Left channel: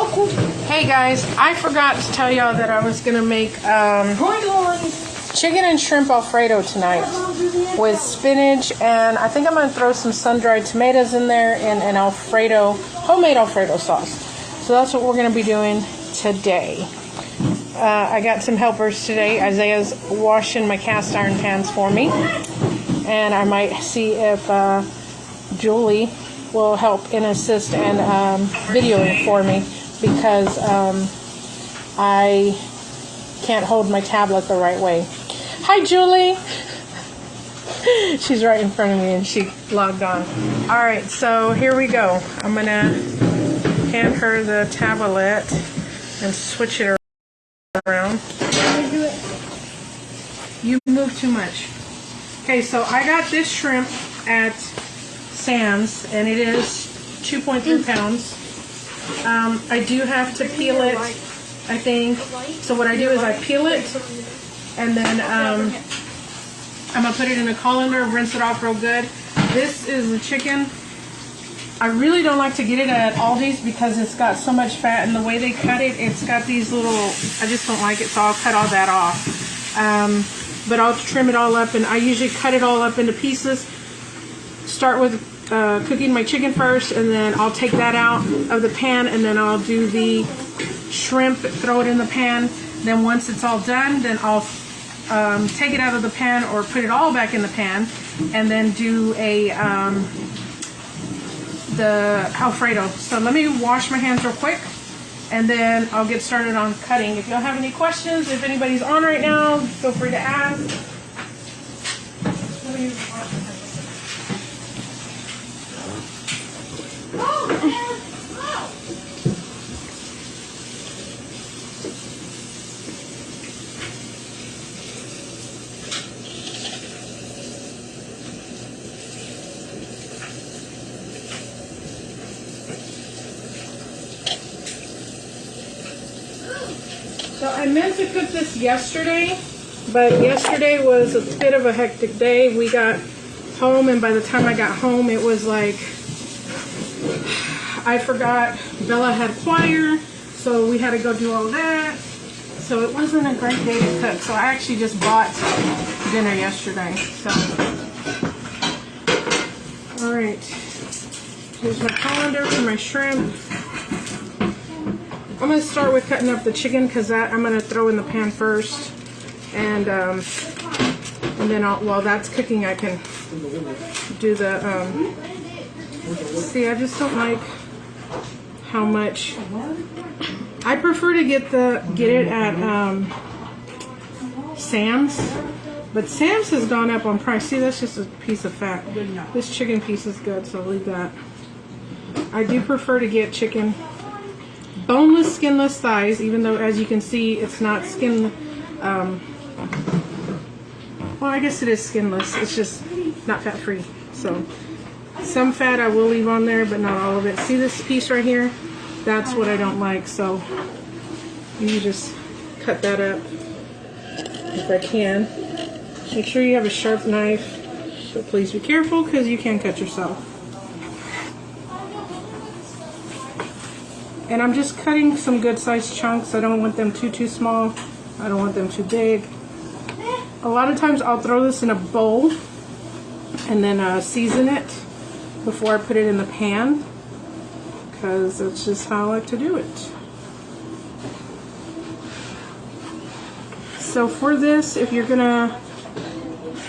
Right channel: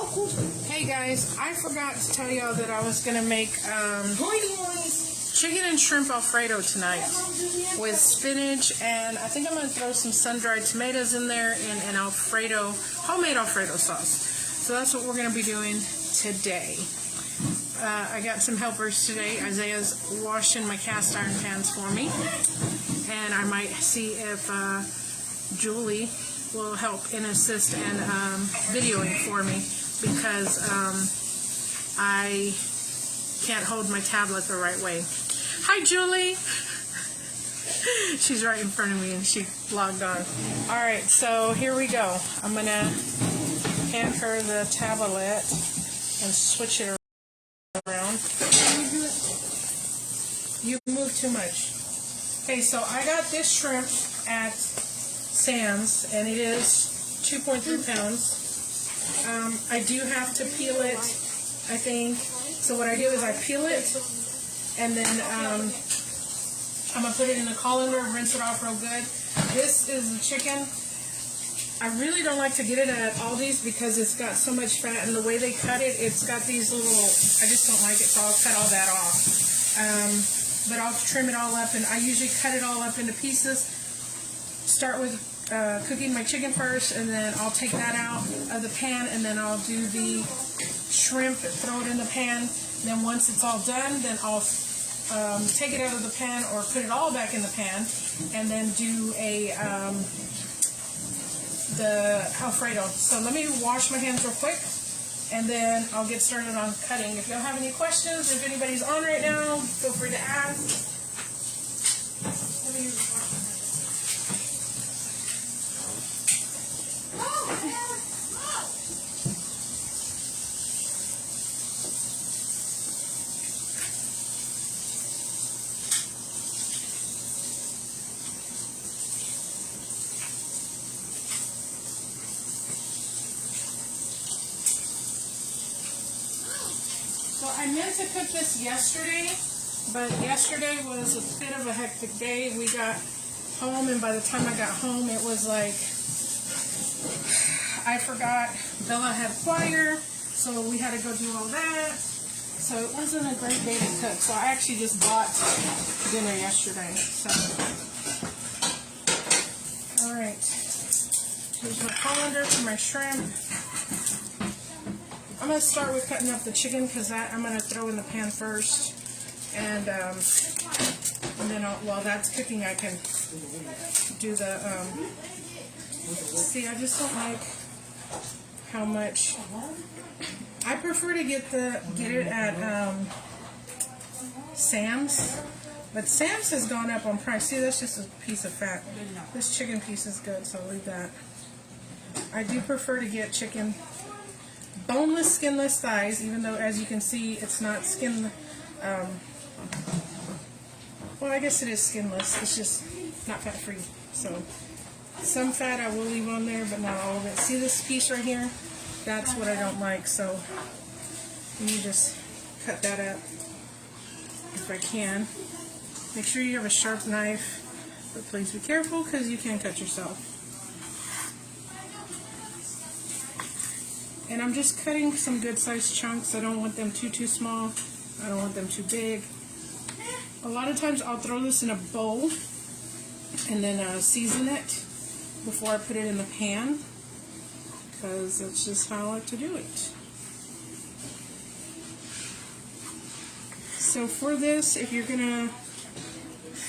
Oh, cool. Hey guys, I forgot to tell y'all that I was gonna make chicken and shrimp Alfredo tonight with spinach, and I think I'm gonna throw some sun-dried tomatoes in there and an Alfredo, homemade Alfredo sauce. So that's what we're gonna be doing today. I got some helpers today. Isaiah's washing my cast iron pans for me, and I might see if Julie will help and assist and videoing for me, because I can't hold my tablet the right way. Hi, Julie. She's right in front of me and she logged on. All right, so here we go. I'm gonna hand her the tablet and switch it around. You move too much. Okay, so I got this shrimp at Sam's, and it is 2.3 pounds. I do have to peel it, I think. So what I do is I peel it, and then I'm going to put it in a colander, rinse it off real good. This is the chicken. I really don't like to get it at Aldi's because it's got so much fat, and the way they cut it, it's got these little, I just don't like it, so I'll cut all that off. But I'll trim it all up, and I usually cut it all up into pieces. Start with cooking my chicken first, and then I'll take that out of the pan, and then I'll do the shrimp, throw it in the pan. Then once it's all done, then I'll take it out of the pan or put it all back in the pan, and then do the Alfredo. So let me wash my hands real quick, and then I'll get started on cutting. If y'all have any questions, if anybody's on right now, feel free to ask. Let me wash my hands. So I meant to cook this yesterday, but yesterday was a bit of a hectic day. We got home, and by the time I got home, it was like, I forgot Bella had choir, so we had to go do all that. So it wasn't a great day to cook. So I actually just bought dinner yesterday. So, all right. Here's my colander for my shrimp. I'm going to start with cutting up the chicken, because that I'm going to throw in the pan first, and then while that's cooking, I can do the. See, I just don't like how much. I prefer to get it at Sam's, but Sam's has gone up on price. See, that's just a piece of fat. This chicken piece is good, so I'll leave that. I do prefer to get chicken. Boneless, skinless thighs, even though, as you can see, it's not skin. Well, I guess it is skinless. It's just not fat-free. So, some fat I will leave on there, but not all of it. See this piece right here? That's what I don't like. So, you just cut that up if I can. Make sure you have a sharp knife, but please be careful, because you can cut yourself. And I'm just cutting some good sized chunks. I don't want them too small. I don't want them too big. A lot of times I'll throw this in a bowl and then season it before I put it in the pan, because that's just how I like to do it. So for this, if you're gonna,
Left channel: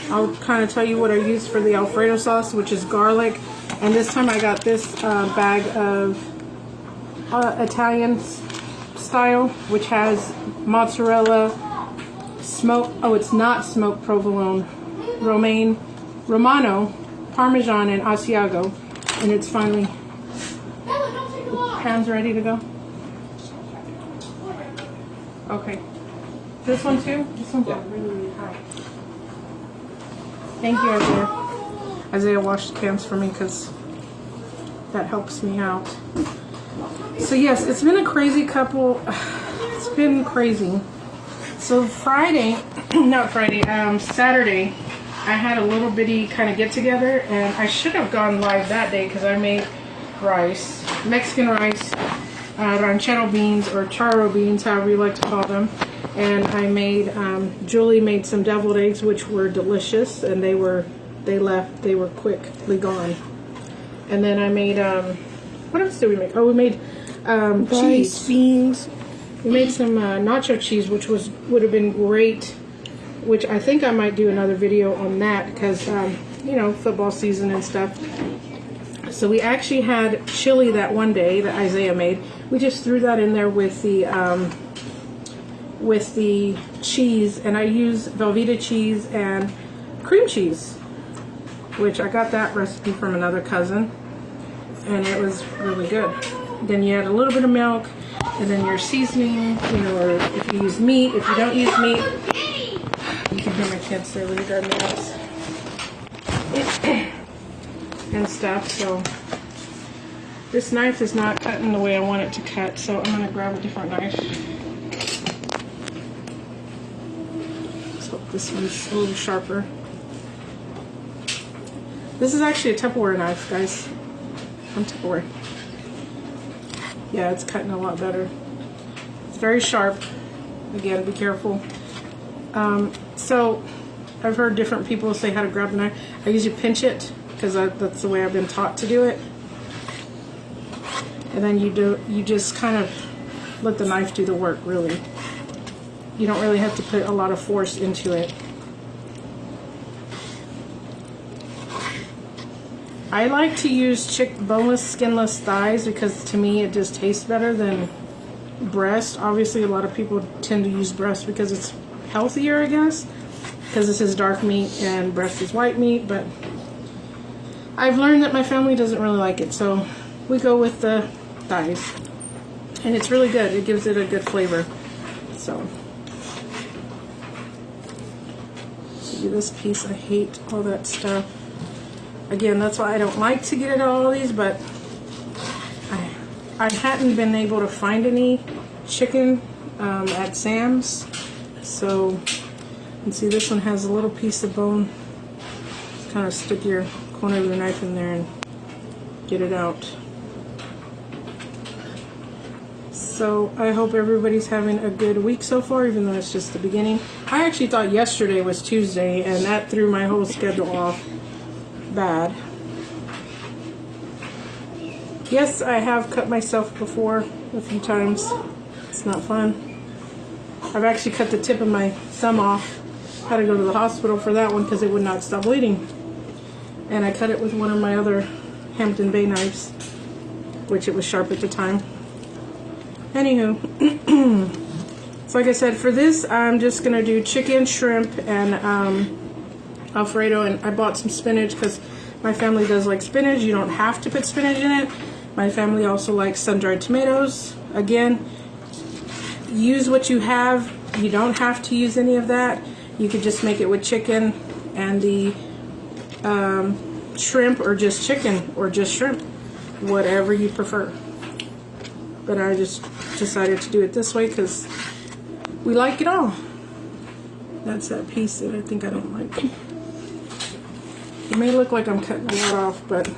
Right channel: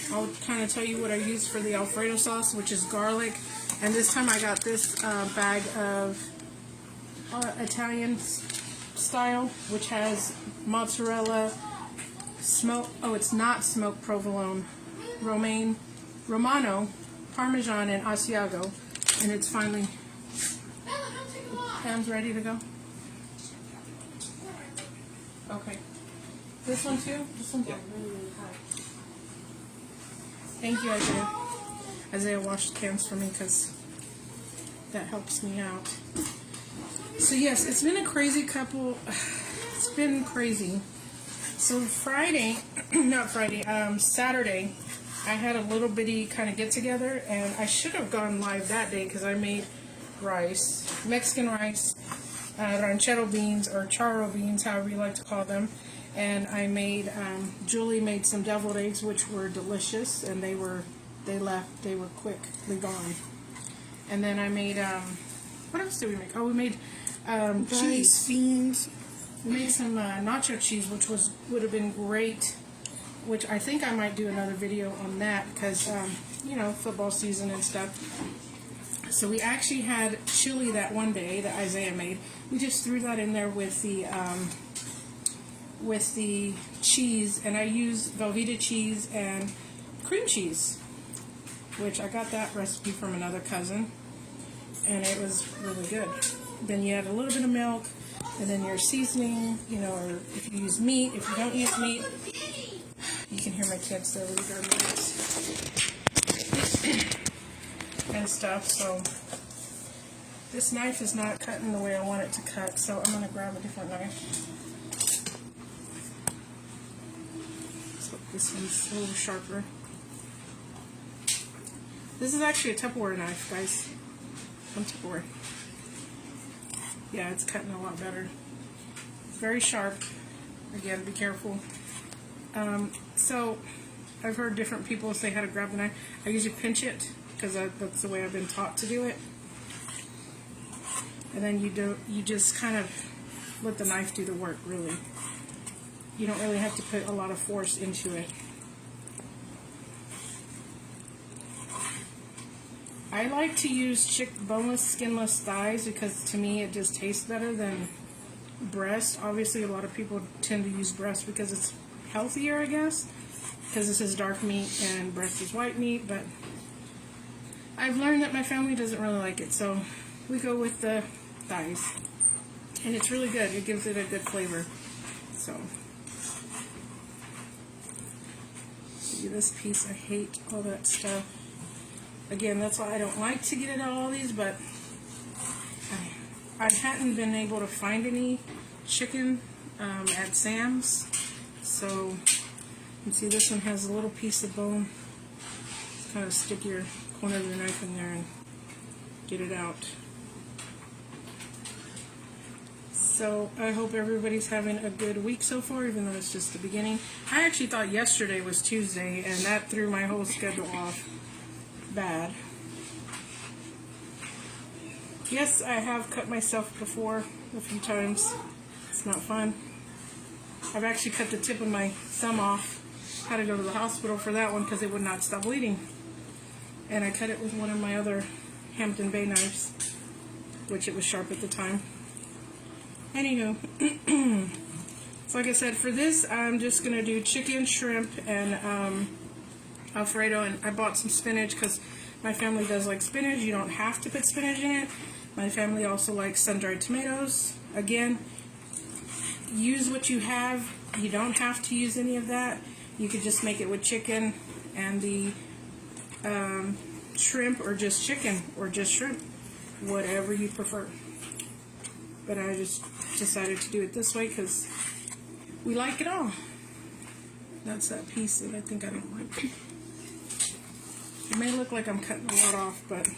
I'll kind of tell you what I use for the Alfredo sauce, which is garlic. And this time I got this bag of Italian style, which has mozzarella, it's not smoked provolone, Romano, Parmesan, and Asiago. And it's finally, the pan's ready to go. Okay. This one too? This one's really high. Thank you, Isaiah. Isaiah washed the pans for me, because that helps me out. So yes, it's been a crazy it's been crazy. So Saturday, I had a little bitty kind of get together, and I should have gone live that day because I made rice, Mexican rice, ranchero beans or charro beans, however you like to call them. And I made, Julie made some deviled eggs, which were delicious, and they were quickly gone. And then I made, what else did we make? Oh, we made cheese. Beans. We made some nacho cheese, which would have been great, which I think I might do another video on that because, you know, football season and stuff. So we actually had chili that one day that Isaiah made. We just threw that in there with the cheese, and I used Velveeta cheese and cream cheese, which I got that recipe from another cousin, and it was really good. Then you add a little bit of milk, and then your seasoning, you know, or if you use meat, if you don't use meat, you can hear my kids, they're really driving me nuts. And stuff. So this knife is not cutting the way I want it to cut, so I'm going to grab a different knife. So this one's a little sharper. This is actually a Tupperware knife, guys. From Tupperware. Yeah, it's cutting a lot better. It's very sharp. Again, be careful. So I've heard different people say how to grab the knife. I usually pinch it because that's the way I've been taught to do it. And then you just kind of let the knife do the work, really. You don't really have to put a lot of force into it. I like to use boneless, skinless thighs because to me it just tastes better than breast. Obviously, a lot of people tend to use breast because it's healthier, I guess, because this is dark meat and breast is white meat, but I've learned that my family doesn't really like it, so we go with the thighs, and it's really good. It gives it a good flavor. So do this piece. I hate all that stuff. Again, that's why I don't like to get it all these, but I hadn't been able to find any chicken at Sam's. So you can see this one has a little piece of bone. Just kind of stick your corner of your knife in there and get it out. So I hope everybody's having a good week so far, even though it's just the beginning. I actually thought yesterday was Tuesday, and that threw my whole schedule off bad. Yes, I have cut myself before a few times. It's not fun. I've actually cut the tip of my thumb off. Had to go to the hospital for that one because it would not stop bleeding. And I cut it with one of my other Hampton Bay knives, which it was sharp at the time. Anywho, so like I said, for this I'm just going to do chicken, shrimp, and Alfredo, and I bought some spinach because my family does like spinach. You don't have to put spinach in it. My family also likes sun-dried tomatoes. Again, use what you have. You don't have to use any of that. You could just make it with chicken and the shrimp, or just chicken, or just shrimp, whatever you prefer. But I just decided to do it this way because we like it all. That's that piece that I think I don't like. It may look like I'm cutting a lot off, but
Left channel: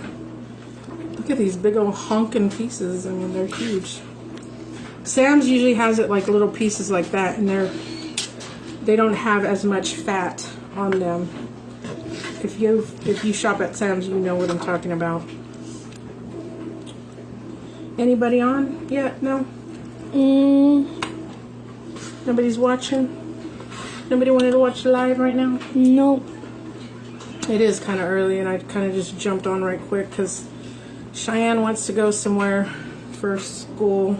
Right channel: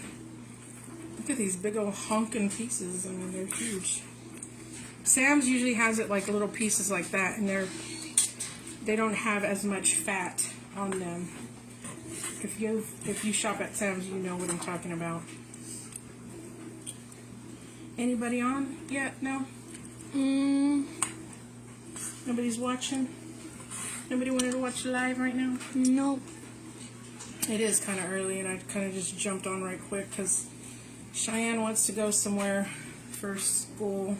look at these big old honking pieces. I mean, they're huge. Sam's usually has it like little pieces like that, and they don't have as much fat on them. If you shop at Sam's, you know what I'm talking about. Anybody on? Yeah, no? Nobody's watching? Nobody wanted to watch live right now? No. It is kind of early, and I kind of just jumped on right quick because Cheyenne wants to go somewhere for school.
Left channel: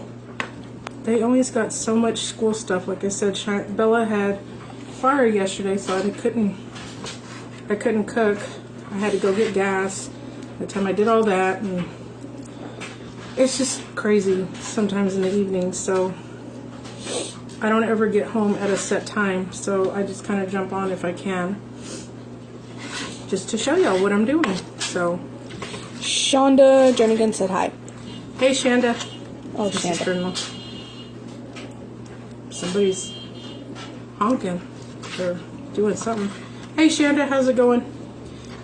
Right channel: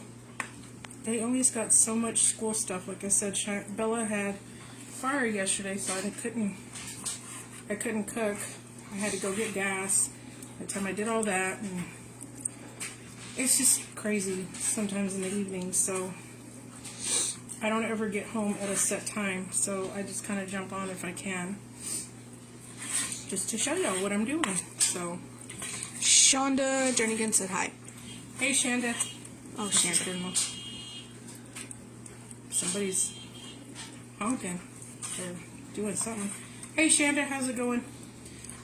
They always got so much school stuff. Like I said, Bella had fire yesterday, so I couldn't cook. I had to go get gas. By the time I did all that, and it's just crazy sometimes in the evenings, so I don't ever get home at a set time, so I just kind of jump on if I can, just to show y'all what I'm doing. So Shonda Jernigan said hi. Hey, Shanda. Oh, Shanda. Somebody's honking or doing something. Hey, Shanda, how's it going?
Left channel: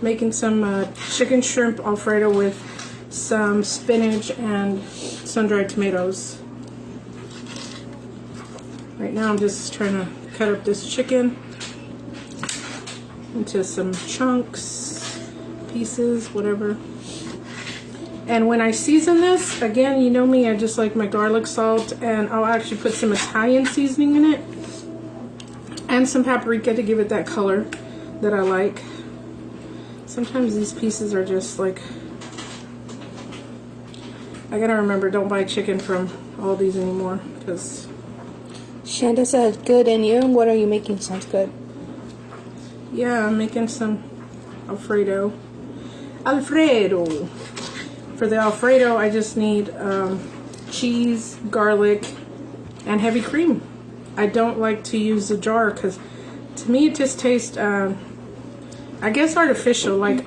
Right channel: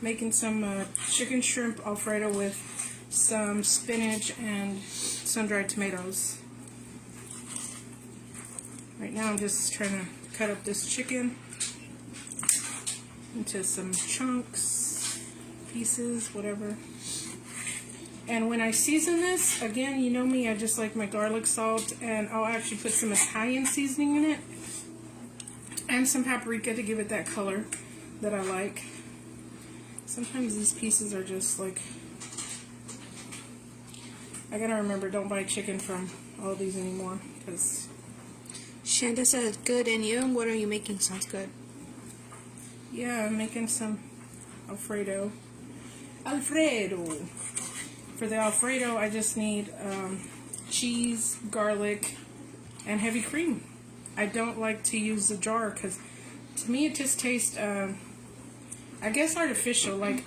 Making some chicken shrimp Alfredo with some spinach and sun-dried tomatoes. Right now I'm just trying to cut up this chicken into some chunks, pieces, whatever. And when I season this, again, you know me, I just like my garlic salt, and I'll actually put some Italian seasoning in it and some paprika to give it that color that I like. Sometimes these pieces are just like, I gotta remember, don't buy chicken from Aldi's anymore, because Shanda said good, and you? What are you making? Sounds good. yeah, I'm making some Alfredo. For the Alfredo, I just need cheese, garlic, and heavy cream. I don't like to use the jar because to me it just tastes, I guess, artificial. Like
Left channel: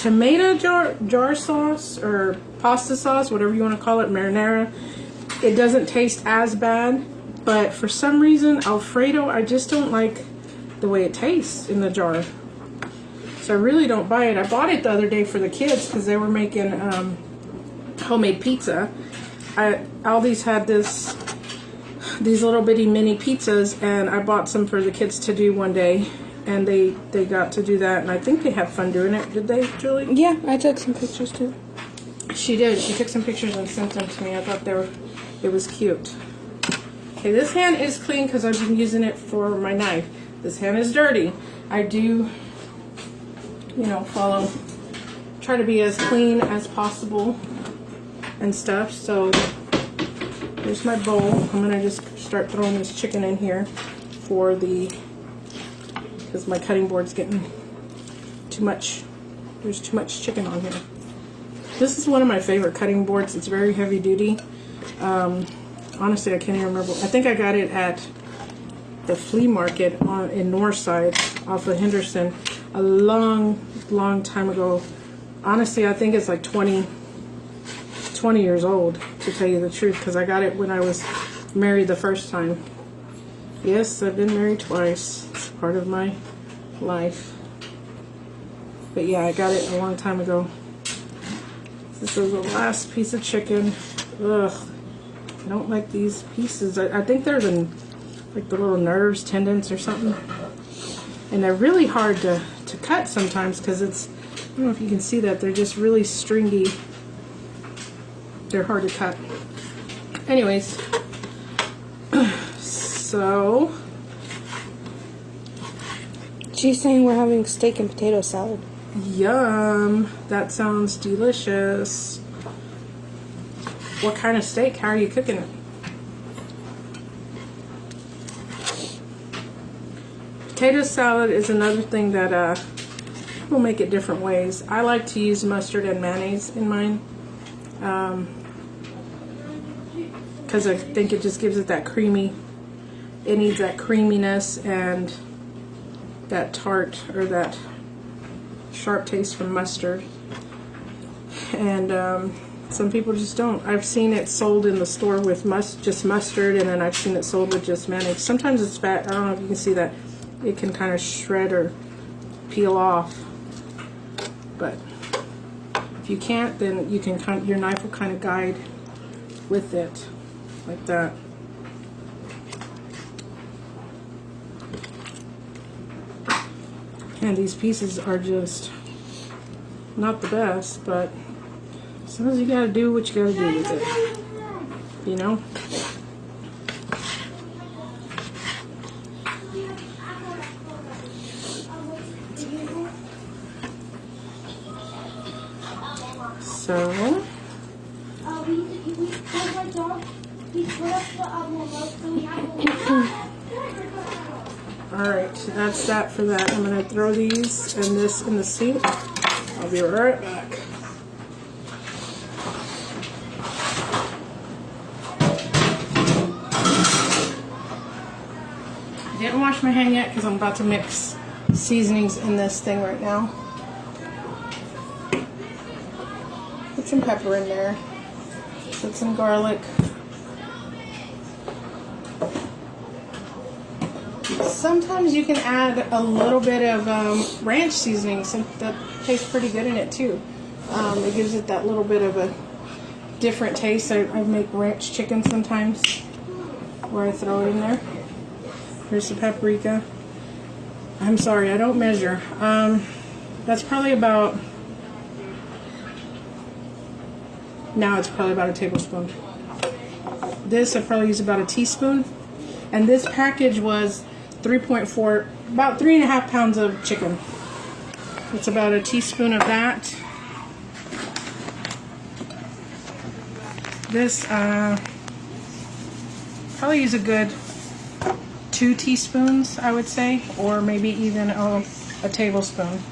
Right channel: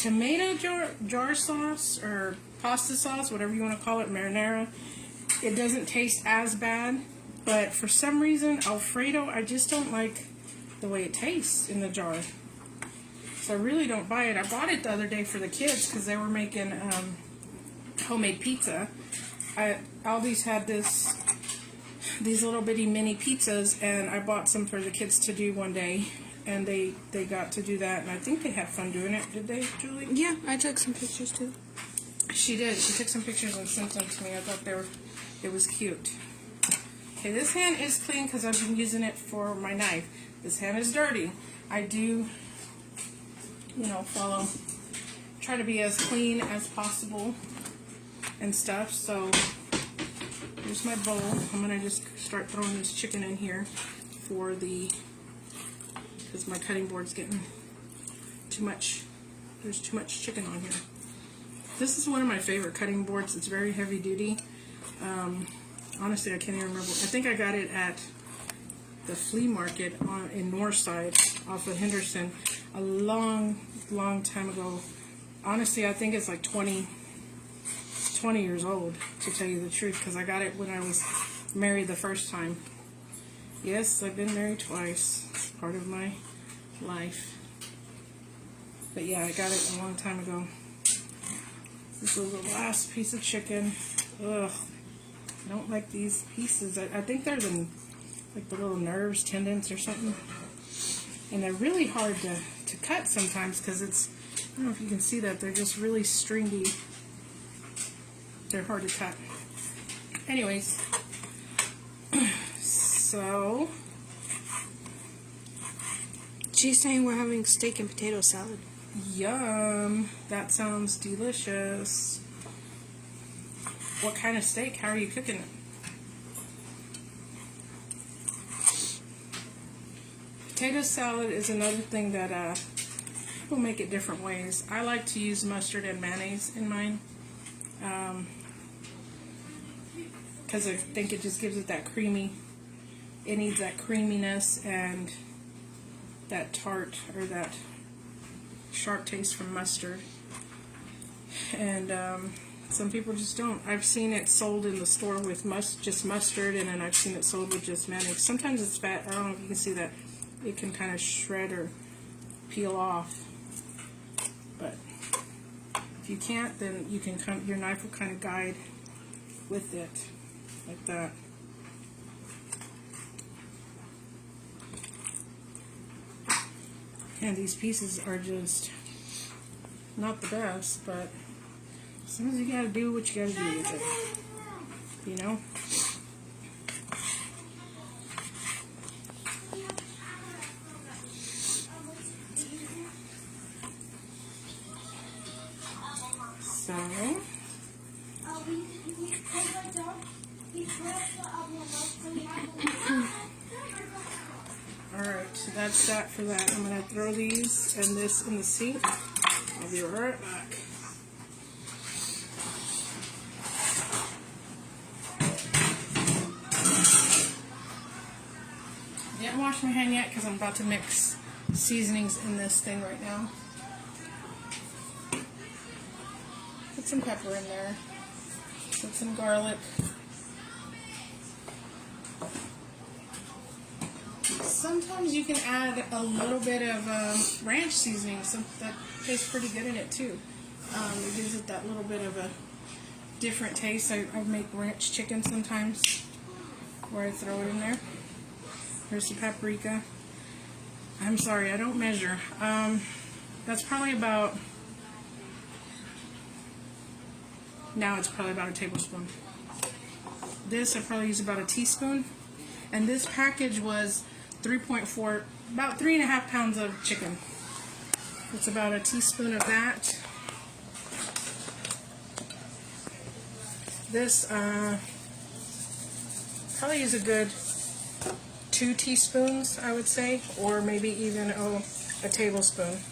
tomato jar sauce or pasta sauce, whatever you want to call it, marinara. It doesn't taste as bad, but for some reason, Alfredo, I just don't like the way it tastes in the jar. So I really don't buy it. I bought it the other day for the kids because they were making homemade pizza. Aldi's had these little bitty mini pizzas, and I bought some for the kids to do one day, and they got to do that, and I think they had fun doing it. Did they, Julie? Yeah, I took some pictures too. She did. She took some pictures and sent them to me. I thought it was cute. Okay, this hand is clean because I've been using it for my knife. This hand is dirty. I do, you know, try to be as clean as possible and stuff. So here's my bowl. I'm gonna just start throwing this chicken in here because my cutting board's getting too much. There's too much chicken on here. This is one of my favorite cutting boards. It's very heavy duty. Honestly, I can't even remember. I think I got it at the flea market in Northside off of Henderson a long time ago. Honestly, I think it's like 20 years old, to tell you the truth, because I got it when I was married the first time. Yes, I've been married twice. It's part of my life. But yeah, I got it a long time ago. This is the last piece of chicken. Ugh, I don't like these pieces. I think they're like the little nerves, tendons or something. And they're really hard to cut sometimes because it's, I don't know if you can see that, they're just really stringy. They're hard to cut. Anyways, so. She's saying we're having steak and potato salad. Yum, that sounds delicious. What kind of steak? How are you cooking it? Potato salad is another thing that people make it different ways. I like to use mustard and mayonnaise in mine because I think it just gives it that creamy, it needs that creaminess and that tart or that sharp taste from mustard. And some people just don't. I've seen it sold in the store with just mustard, and then I've seen it sold with just mayonnaise. Sometimes it's fat. I don't know if you can see that. It can kind of shred or peel off. But if you can't, then you can your knife will kind of guide with it, like that. And these pieces are just not the best, but sometimes you gotta do what you gotta do with it, you know? So, alright, that's that for that. I'm gonna throw these and this in the sink. I'll be right back. Didn't wash my hand yet because I'm about to mix seasonings in this thing right now. Put some pepper in there. Put some garlic. Sometimes you can add a little bit of ranch seasoning. That tastes pretty good in it too. It gives it that little bit of a different taste. I make ranch chicken sometimes. where I throw it in there. Here's the paprika. I'm sorry, I don't measure. That's probably about, now it's probably about a tablespoon. This I probably use about a teaspoon. And this package was 3.4, about 3.5 pounds of chicken. It's about a teaspoon of that. This, probably use a good 2 teaspoons, I would say, or maybe even a tablespoon.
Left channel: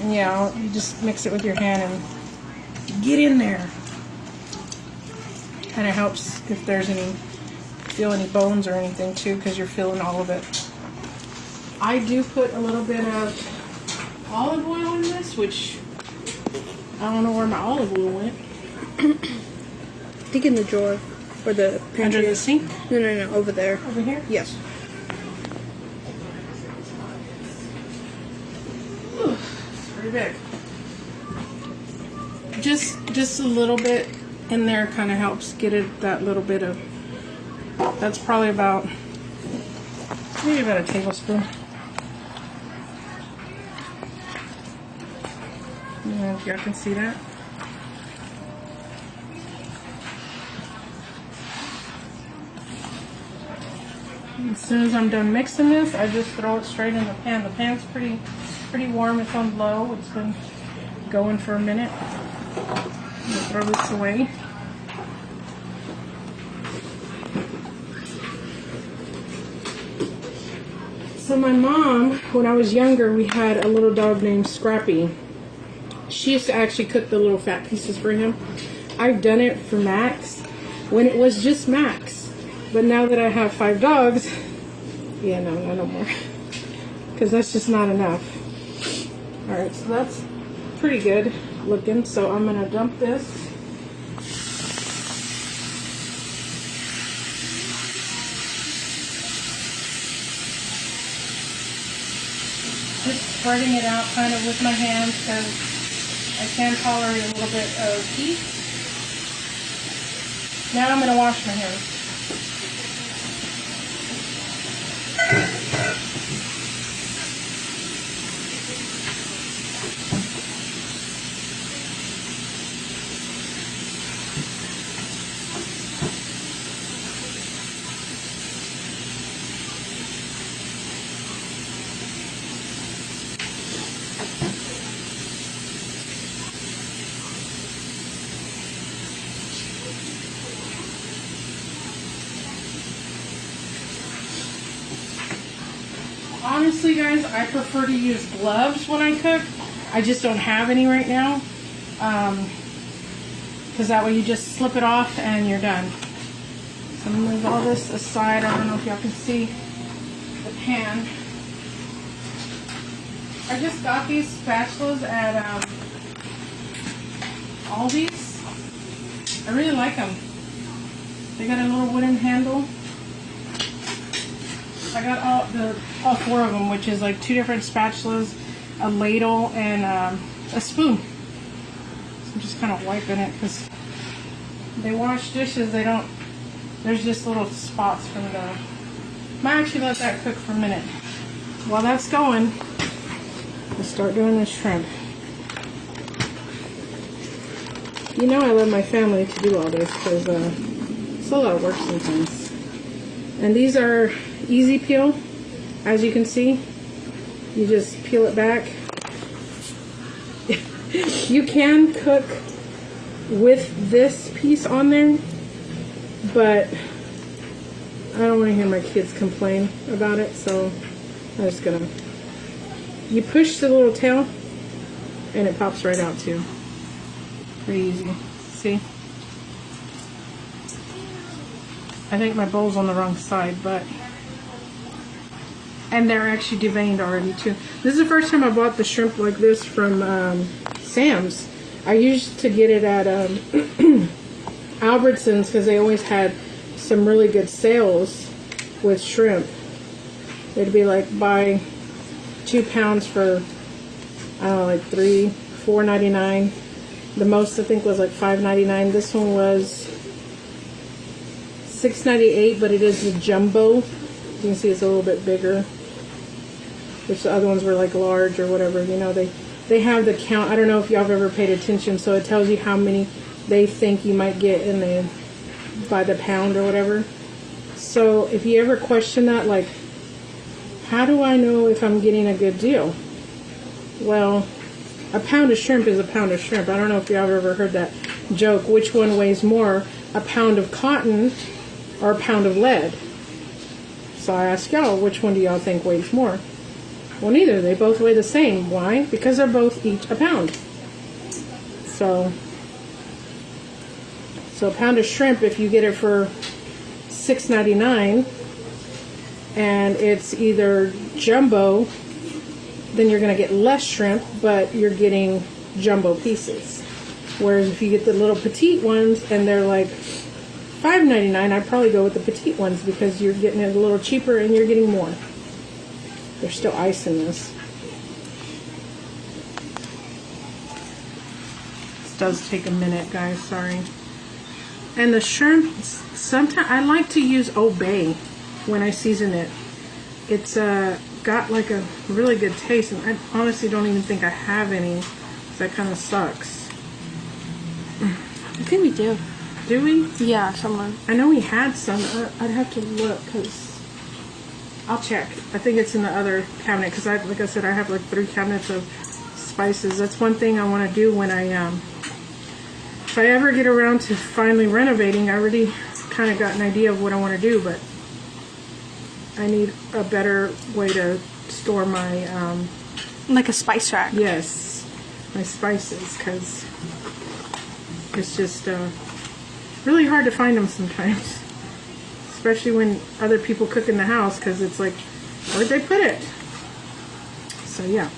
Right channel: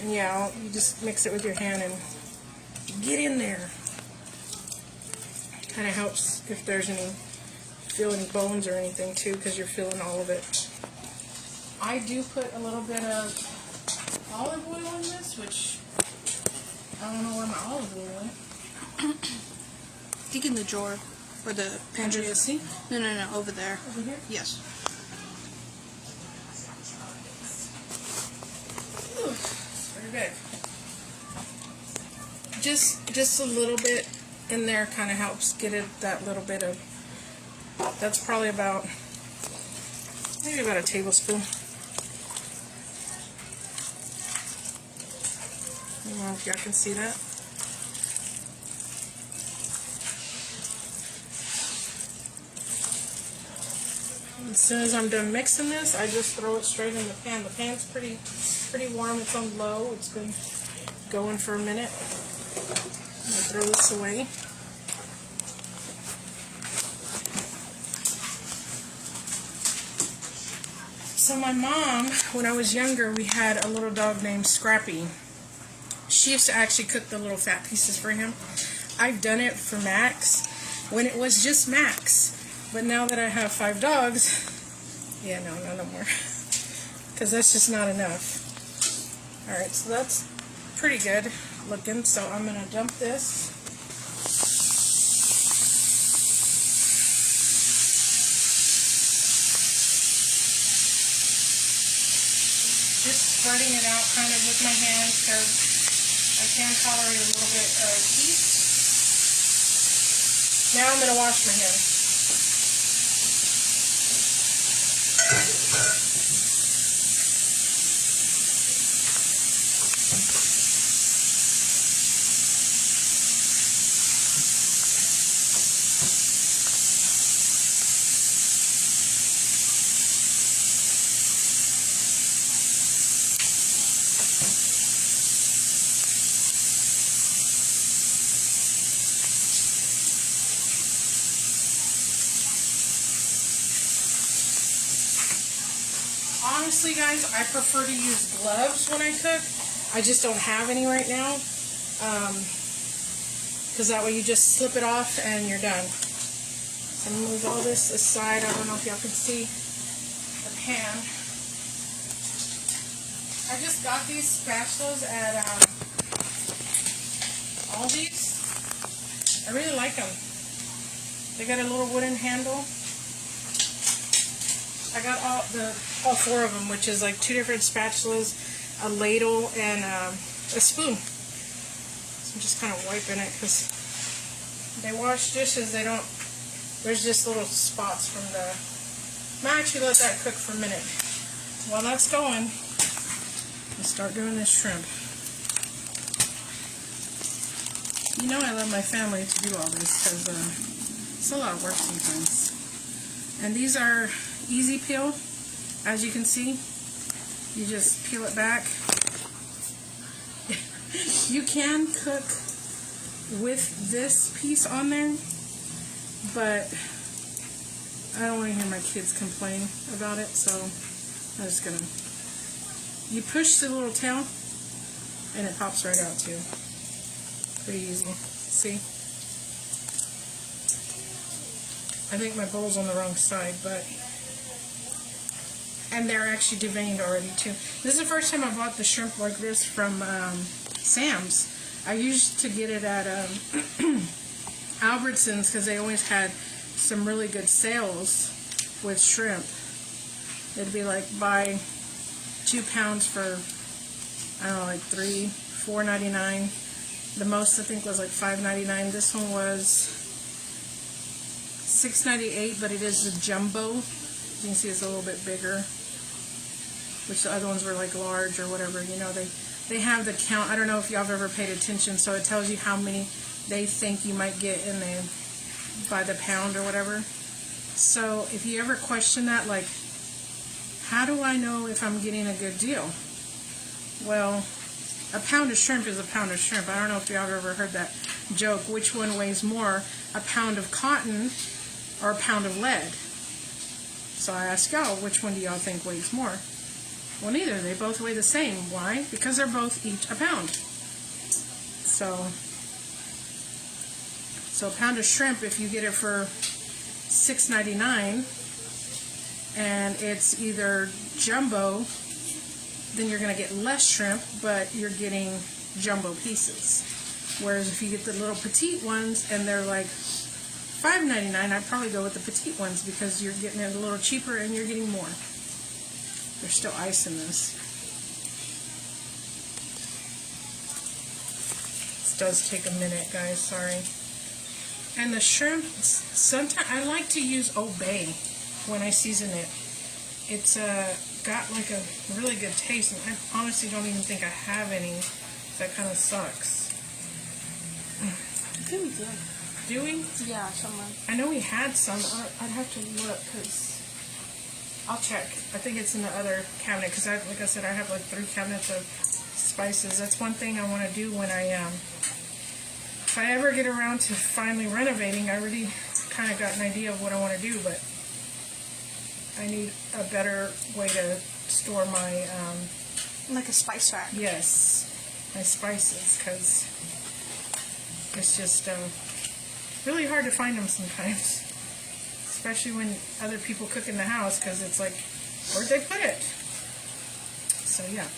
And yeah, you just mix it with your hand and get in there. Kind of helps if there's feel any bones or anything too, because you're feeling all of it. I do put a little bit of olive oil in this, which I don't know where my olive oil went. I think in the drawer or the pantry. Under the sink? No, over there. Over here? Yes. It's very big. Just a little bit in there kind of helps get it that little bit of. That's probably about maybe about a tablespoon. I don't know if y'all can see that. As soon as I'm done mixing this, I just throw it straight in the pan. The pan's pretty warm. It's on low. It's been going for a minute. Throw this away. So my mom, when I was younger, we had a little dog named Scrappy. She used to actually cook the little fat pieces for him. I've done it for Max when it was just Max. But now that I have 5 dogs, yeah, no more. Because that's just not enough. Alright, so that's pretty good looking. So I'm going to dump this. Just spreading it out kind of with my hands because I can tolerate a little bit of heat. Now I'm going to wash my hands. Honestly, guys, I prefer to use gloves when I cook. I just don't have any right now. Because that way you just slip it off and you're done. So I'm going to move all this aside. I don't know if y'all can see the pan. I just got these spatulas at Aldi's. I really like them. They got a little wooden handle. I got all 4 of them, which is like 2 different spatulas, a ladle, and a spoon. So I'm just kind of wiping it because they wash dishes. They don't. There's just little spots from the. I actually let that cook for a minute. While that's going, let's start doing this shrimp. You know I love my family to do all this because it's a lot of work sometimes. And these are easy peel, as you can see. You just peel it back. You can cook with this piece on there, but I don't want to hear my kids complain about it, so I'm just gonna. You push the little tail, and it pops right out too. Pretty easy. See? I think my bowl's on the wrong side, but... And they're actually deveined already, too. This is the first time I bought the shrimp like this from Sam's. I used to get it at Albertsons because they always had some really good sales with shrimp. It'd be like buy 2 pounds for, I don't know, like $4.99. The most I think was like $5.99. This one was $6.98, but it is the jumbo. You can see it's a little bit bigger, which the other ones were like large or whatever. You know, they have the count. I don't know if y'all have ever paid attention, so it tells you how many they think you might get in the by the pound or whatever. So if you ever question that, like, how do I know if I'm getting a good deal? Well, a pound of shrimp is a pound of shrimp. I don't know if y'all have ever heard that joke. Which one weighs more, a pound of cotton or a pound of lead? So I ask y'all, which one do y'all think weighs more? Well, neither. They both weigh the same. Why? Because they're both each a pound. So a pound of shrimp, if you get it for $6.99 and it's either jumbo, then you're going to get less shrimp, but you're getting jumbo pieces. Whereas if you get the little petite ones and they're like $5.99, I'd probably go with the petite ones because you're getting it a little cheaper and you're getting more. There's still ice in this. This does take a minute, guys, sorry. And the shrimp, sometimes I like to use Old Bay when I season it. It's got like a really good taste, and I honestly don't even think I have any. That kind of sucks. I think we do. Do we? Yeah, someone. I know we had some. I'd have to look because I'll check. I think it's in the other cabinet because, like I said, I have like 3 cabinets of spices. That's one thing I want to do when I if I ever get around to finally renovating. I already kind of got an idea of what I want to do, but I need a better way to store my like a spice rack. Yes, my spices, because it's just really hard to find them sometimes, especially when other people cook in the house, because it's like, where'd they put it? So yeah,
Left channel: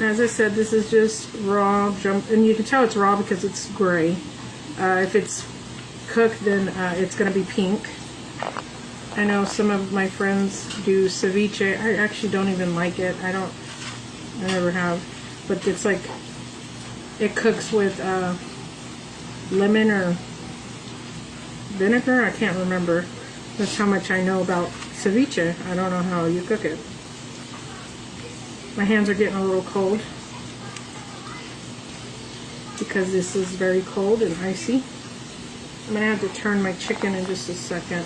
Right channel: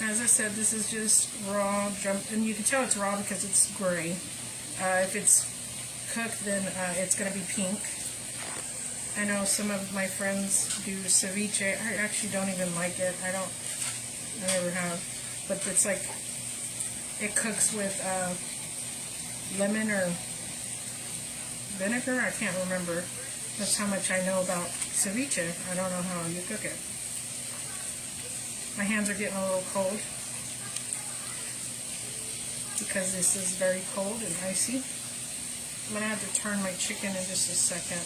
as I said, this is just raw jump, and you can tell it's raw because it's gray. If it's cooked, then it's going to be pink. I know some of my friends do ceviche. I actually don't even like it. I never have. But it's like, it cooks with lemon or vinegar. I can't remember. That's how much I know about ceviche. I don't know how you cook it. My hands are getting a little cold because this is very cold and icy. I'm going to have to turn my chicken in just a second.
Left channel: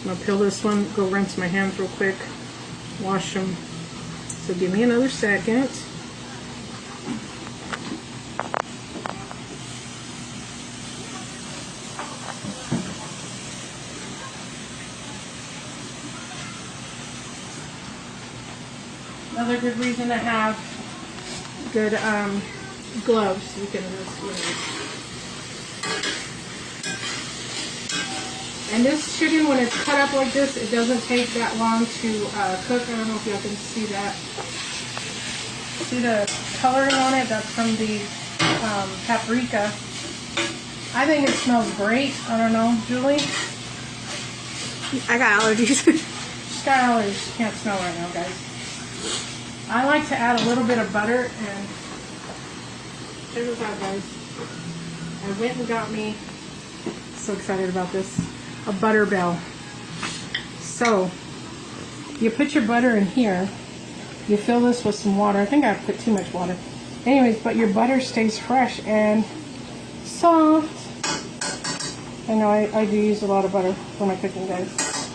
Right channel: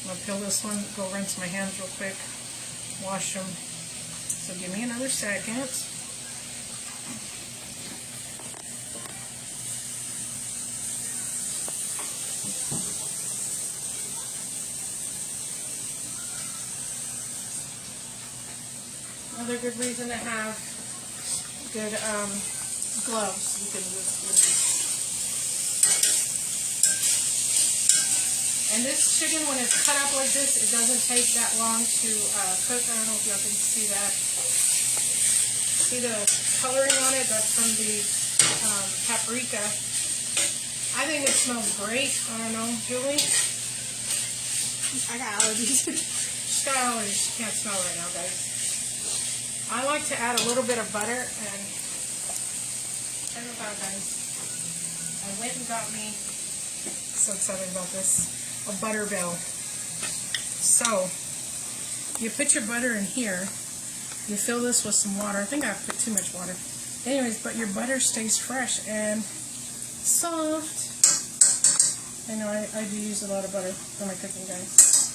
I'm going to peel this one, go rinse my hands real quick, wash them. So give me another second. Another good reason to have good gloves. You can just, And this chicken, when it's cut up like this, it doesn't take that long to cook. I don't know if y'all can see that. See the coloring on it? That's from the paprika. I think it smells great. I don't know, Julie? I got allergies. She's got allergies. She can't smell right now, guys. I like to add a little bit of butter, and check this out, guys. I went and got me, so excited about this, a butter bell. So you put your butter in here, you fill this with some water. I think I put too much water. Anyways, but your butter stays fresh and soft. I know I do use a lot of butter for my cooking, guys.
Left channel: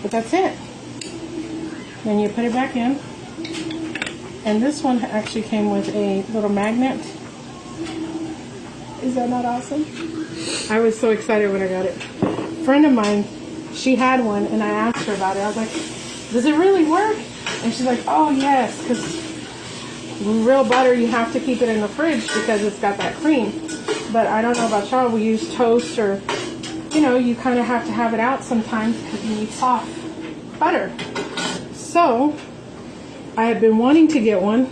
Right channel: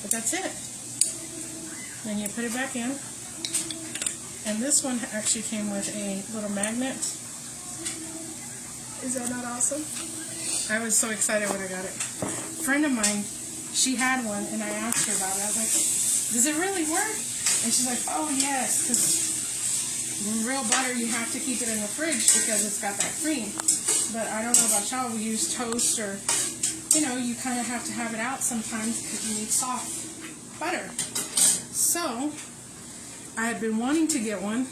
But that's it. Then you put it back in. And this one actually came with a little magnet. Is that not awesome? I was so excited when I got it. A friend of mine, she had one, and I asked her about it. I was like, does it really work? And she's like, oh yes, because real butter, you have to keep it in the fridge because it's got that cream. But I don't know about y'all, we use toast, or, you know, you kind of have to have it out sometimes because you need soft butter. So I had been wanting to get one,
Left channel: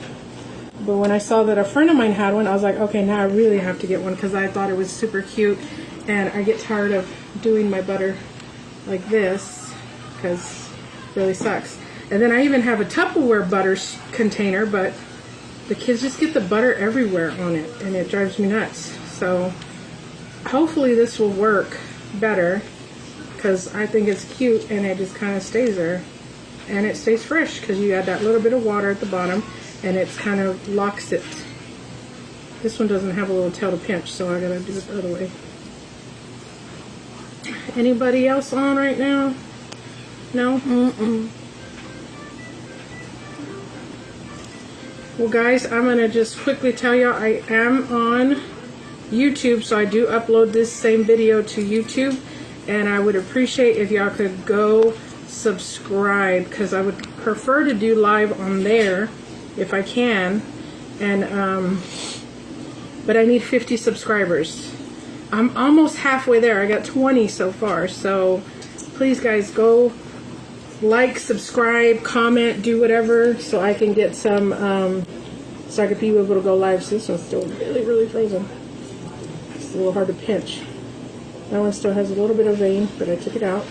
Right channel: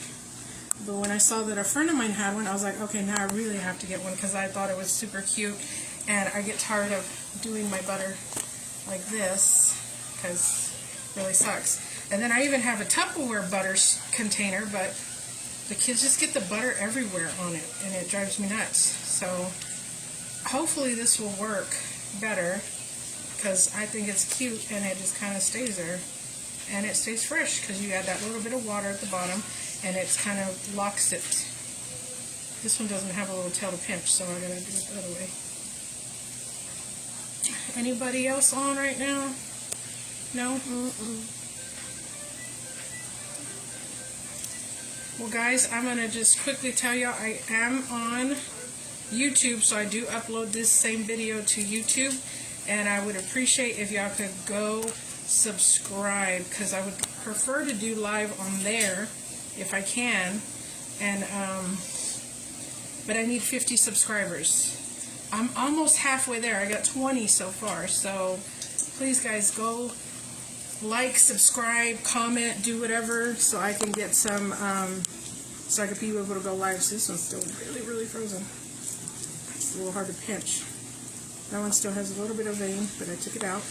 but when I saw that a friend of mine had one, I was like, okay, now I really have to get one because I thought it was super cute, and I get tired of doing my butter like this because it really sucks. And then I even have a Tupperware butter container, but the kids just get the butter everywhere on it, and it drives me nuts. So hopefully this will work. better because I think it's cute and it just kind of stays there. And it stays fresh because you add that little bit of water at the bottom and it's kind of locks it. This one doesn't have a little tail to pinch, so I gotta do it the other way. Anybody else on right now? No? Mm-mm. Well guys, I'm gonna just quickly tell you I am on YouTube, so I do upload this same video to YouTube, and I would appreciate if y'all could go subscribe because I would prefer to do live on there if I can, and but I need 50 subscribers. I'm almost halfway there. I got 20 so far, so please guys go like, subscribe, comment, do whatever so I can get some so I can be able to go live. So this one's still really frozen. It's a little hard to pinch. That one still has a little bit of vein, but I took it out.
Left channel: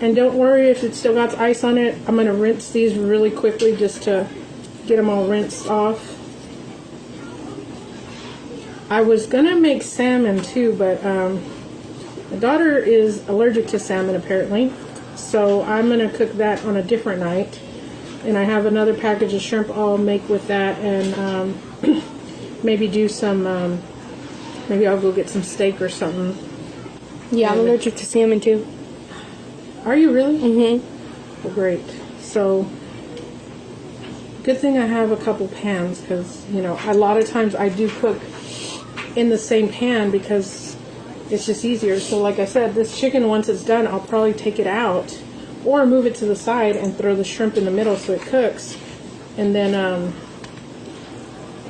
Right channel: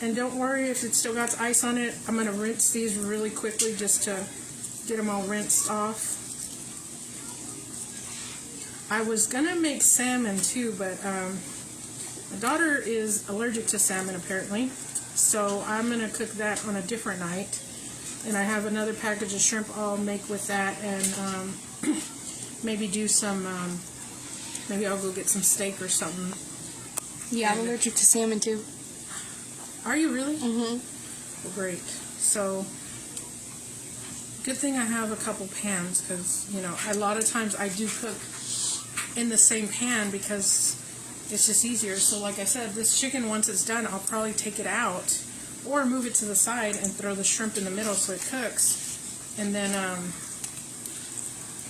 And don't worry if it still got ice on it. I'm going to rinse these really quickly just to get them all rinsed off. I was going to make salmon too, but my daughter is allergic to salmon apparently. So I'm going to cook that on a different night. And I have another package of shrimp I'll make with that, and maybe do some, maybe I'll go get some steak or something. Yeah, I'm allergic to salmon too. Are you really? Mm-hmm. Well, great. So, good thing I have a couple pans because, you know, a lot of times I do cook in the same pan because it's just easier. So like I said, this chicken, once it's done, I'll probably take it out or move it to the side and throw the shrimp in the middle so it cooks. And then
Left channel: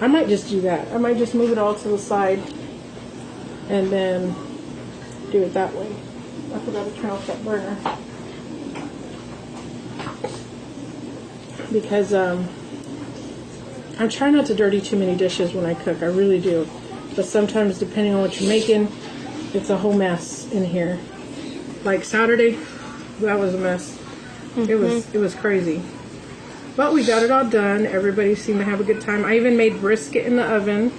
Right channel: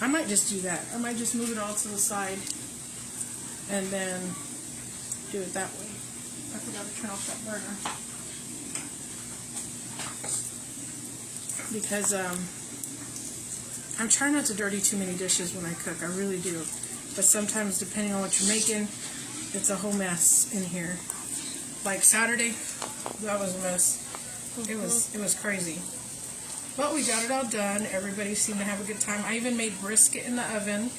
I might just do that. I might just move it all to the side and then do it that way. I forgot to turn off that burner. Because I'm trying not to dirty too many dishes when I cook. I really do. But sometimes, depending on what you're making, it's a whole mess in here. Like Saturday, that was a mess. Mm-hmm. It was crazy. But we got it all done. Everybody seemed to have a good time. I even made brisket in the oven,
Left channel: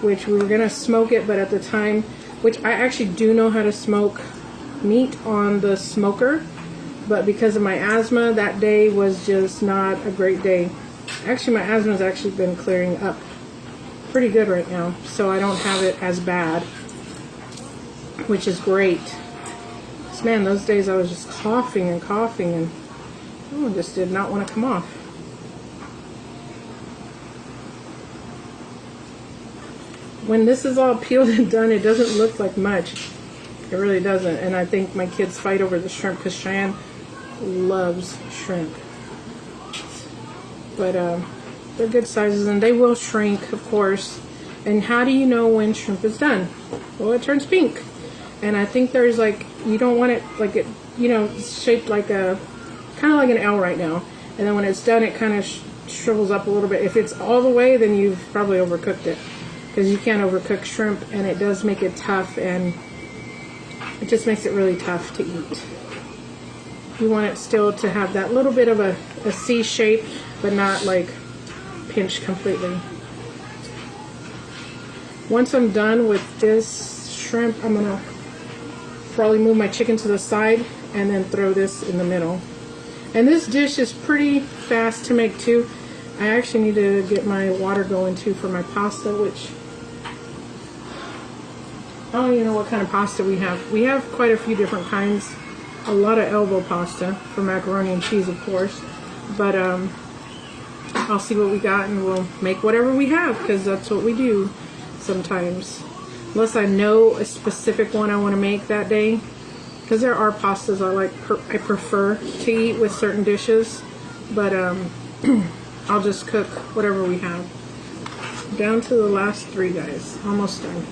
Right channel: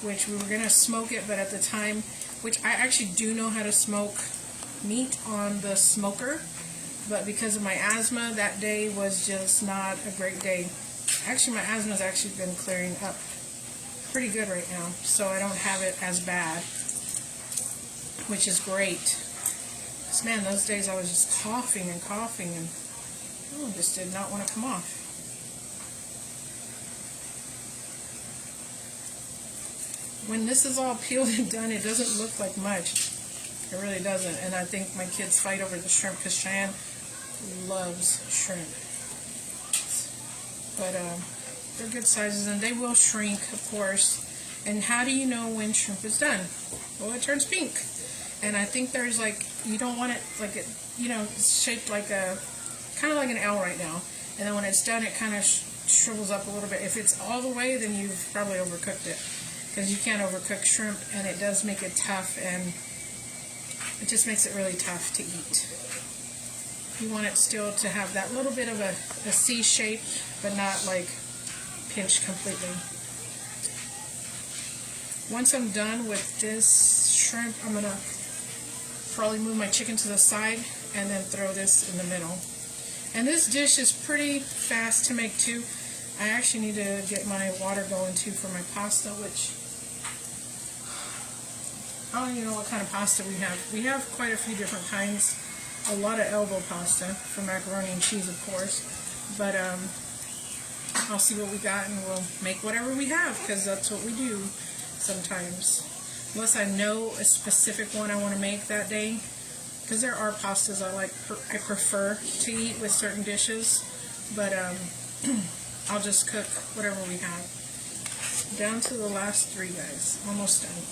which we were going to smoke it, but at the time, which I actually do know how to smoke meat on the smoker, but because of my asthma, that day was just not a great day. Actually, my asthma's actually been clearing up pretty good right now, so I don't have it as bad, which is great. So, man, those days I was just coughing and oh, it just did not want to come off. When this is all peeled and done, it doesn't look like much. It really doesn't. And I think my kids fight over the shrimp because Cheyenne loves shrimp. But they're good sizes and they will shrink, of course. And how do you know when shrimp is done? Well, it turns pink. And I think there's like, you don't want it like it, you know, shaped like a, kind of like an L right now. And then when it's done, it kind of shrivels up a little bit. If it's all the way, then you've probably overcooked it. Because you can't overcook shrimp, and it does make it tough, and it just makes it really tough to eat. You want it still to have that little bit of a C shape, but not like pinched completely. Once I'm done with this shrimp, I'm going to probably move my chicken to the side and then throw this in the middle. And this dish is pretty fast to make too. I actually need to get my water going too for my pasta, which I don't even know what kind of pasta we have. We have quite a few different kinds. A lot of elbow pasta for macaroni and cheese, of course. But I'll see what we got and we'll make whatever we have because that's what we do sometimes. Unless I know a specific one I want to make that day. Because there are pastas I prefer to eat with certain dishes. But I'll just cook whatever we have. Down to the last three, guys. Almost done.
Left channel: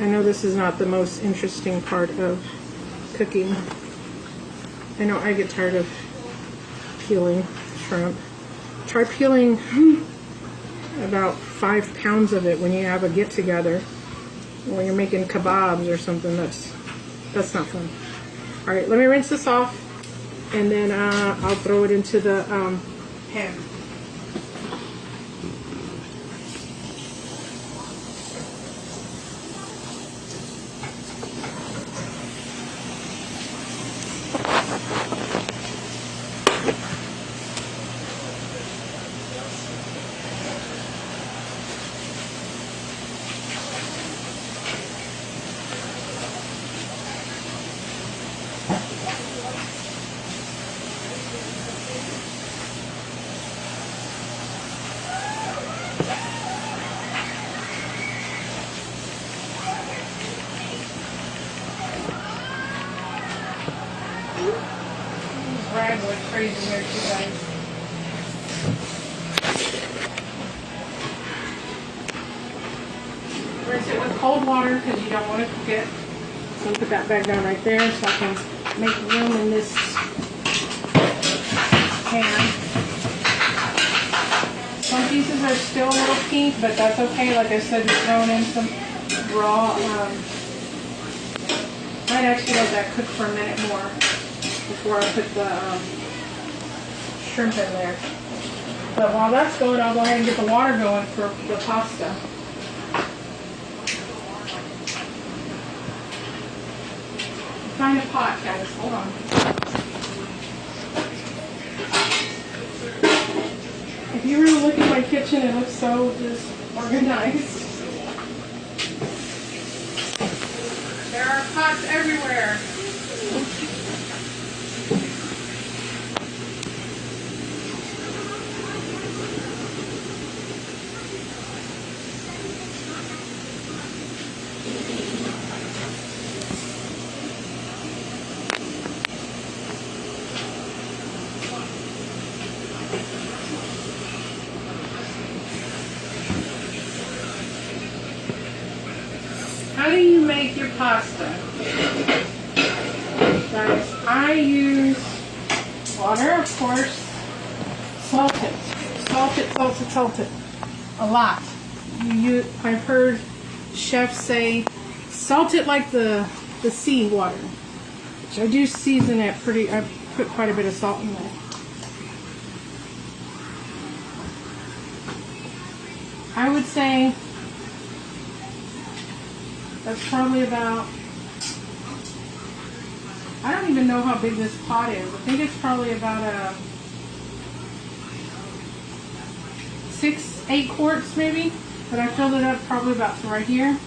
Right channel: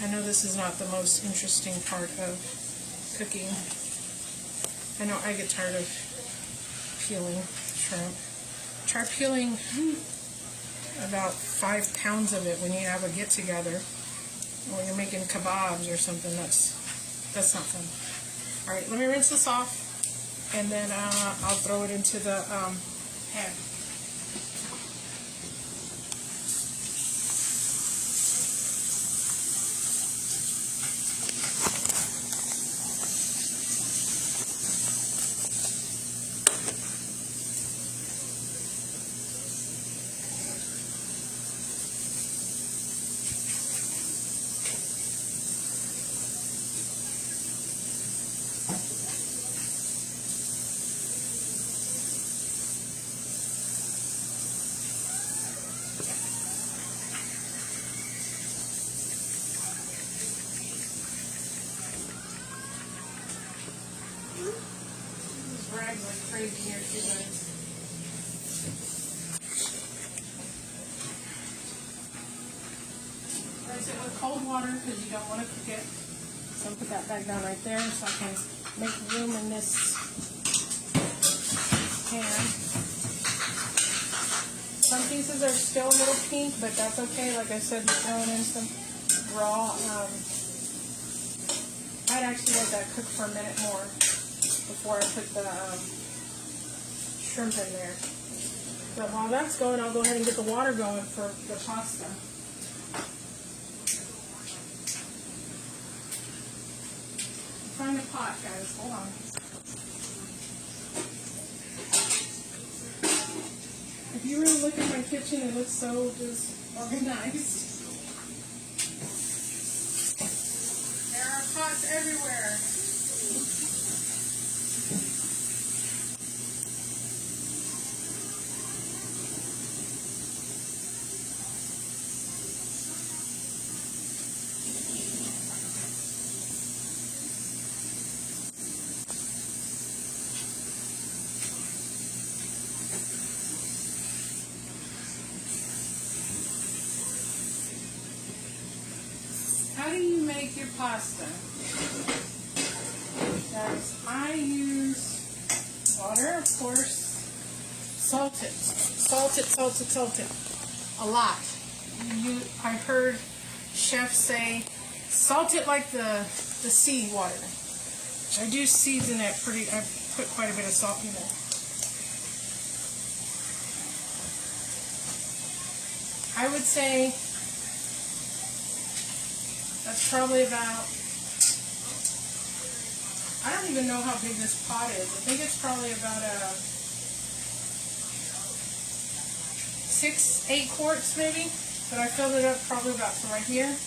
I know this is not the most interesting part of cooking. I know I get tired of peeling shrimp. Try peeling about 5 pounds of it when you have a get-together. Or you're making kebabs or something. That's not fun. Alright, let me rinse this off. And then I'll throw it into the pan. crazy here too, guys. Rinse it with cold water because you don't want to cook it. So put that back down right there so I can make room in this pan. Some pieces are still a little pink, but that's okay. Like I said, you're throwing in some raw. I'd actually let that cook for a minute more before I put the shrimp in there. But while that's going, I'll go ahead and get the water going for the pasta. Find a pot, guys. Hold on. If you really look at my kitchen, it looks so just organized. There are pots everywhere. How do you make your pasta? Guys, I use water, of course. Salt it. Salt it, salt it, salt it. A lot. I've heard chefs say, salt it like the sea water. Which I do season it pretty, I put quite a bit of salt in there. I would say that's probably about, I don't even know how big this pot is. I think it's probably about 6-8 quarts maybe. But I filled it up probably about right here.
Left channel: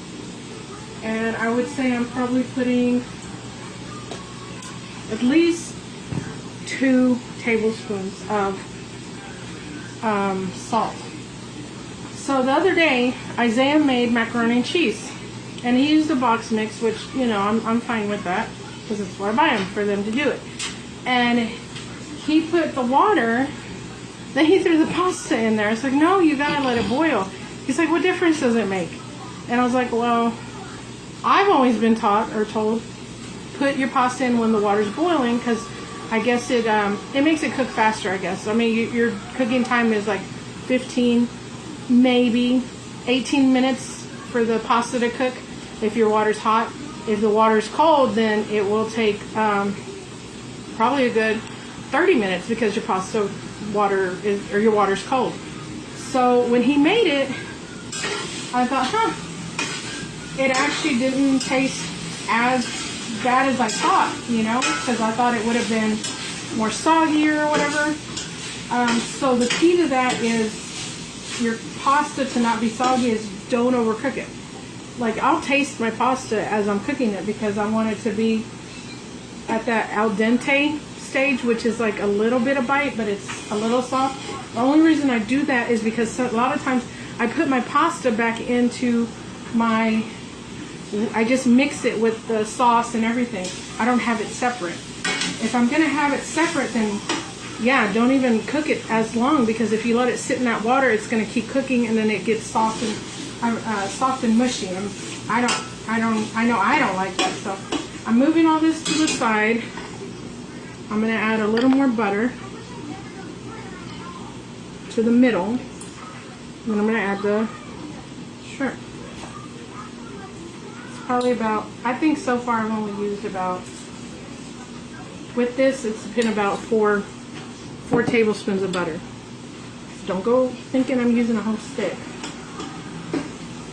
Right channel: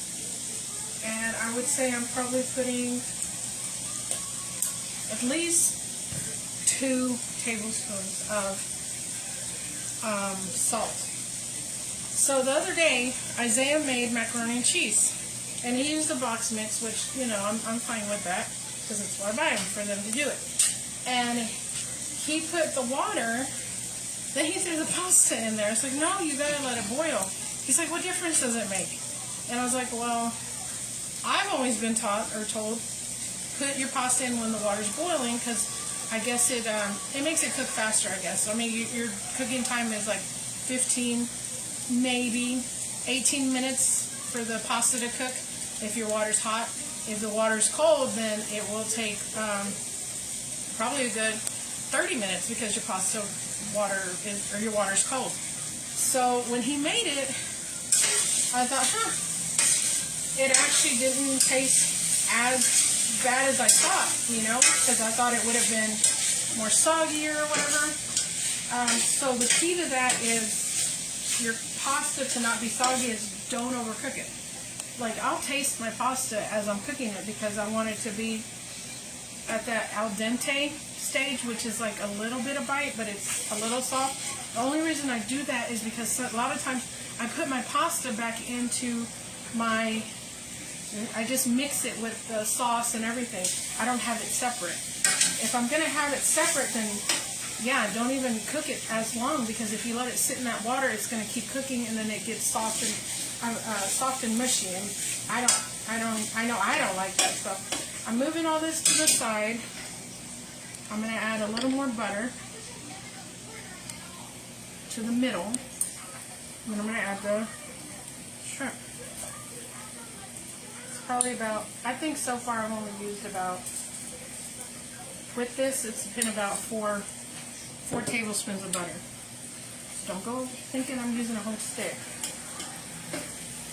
And I would say I'm probably putting at least 2 tablespoons of salt. So the other day, Isaiah made macaroni and cheese. And he used a box mix, which, you know, I'm fine with that. Because that's where I buy them, for them to do it. And he put the water, then he threw the pasta in there. It's like, no, you gotta let it boil. He's like, what difference does it make? And I was like, well, I've always been taught or told, put your pasta in when the water's boiling, because I guess it makes it cook faster, I guess. I mean, your cooking time is like 15, maybe 18 minutes for the pasta to cook if your water's hot. If the water's cold, then it will take probably a good 30 minutes because your pasta water is, or your water's cold. So when he made it, I thought, it actually didn't taste as bad as I thought, you know, because I thought it would have been more soggy or whatever. So the key to that is your pasta to not be soggy is don't overcook it. Like, I'll taste my pasta as I'm cooking it because I want it to be at that al dente stage, which is like a little bit of bite, but it's a little soft. The only reason I do that is because a lot of times I put my pasta back into I just mix it with the sauce and everything. I don't have it separate. If I'm going to have it separate, then yeah, don't even cook it as long, because if you let it sit in that water, it's going to keep cooking and then it gets soft and mushy. I know I don't like that. So I'm moving all this to the side. I'm going to add a little more butter to the middle. And I'm going to add the shrimp. It's probably about, I think so far I've only used about, with this it's been about 4 tablespoons of butter. Don't go thinking I'm using a whole stick.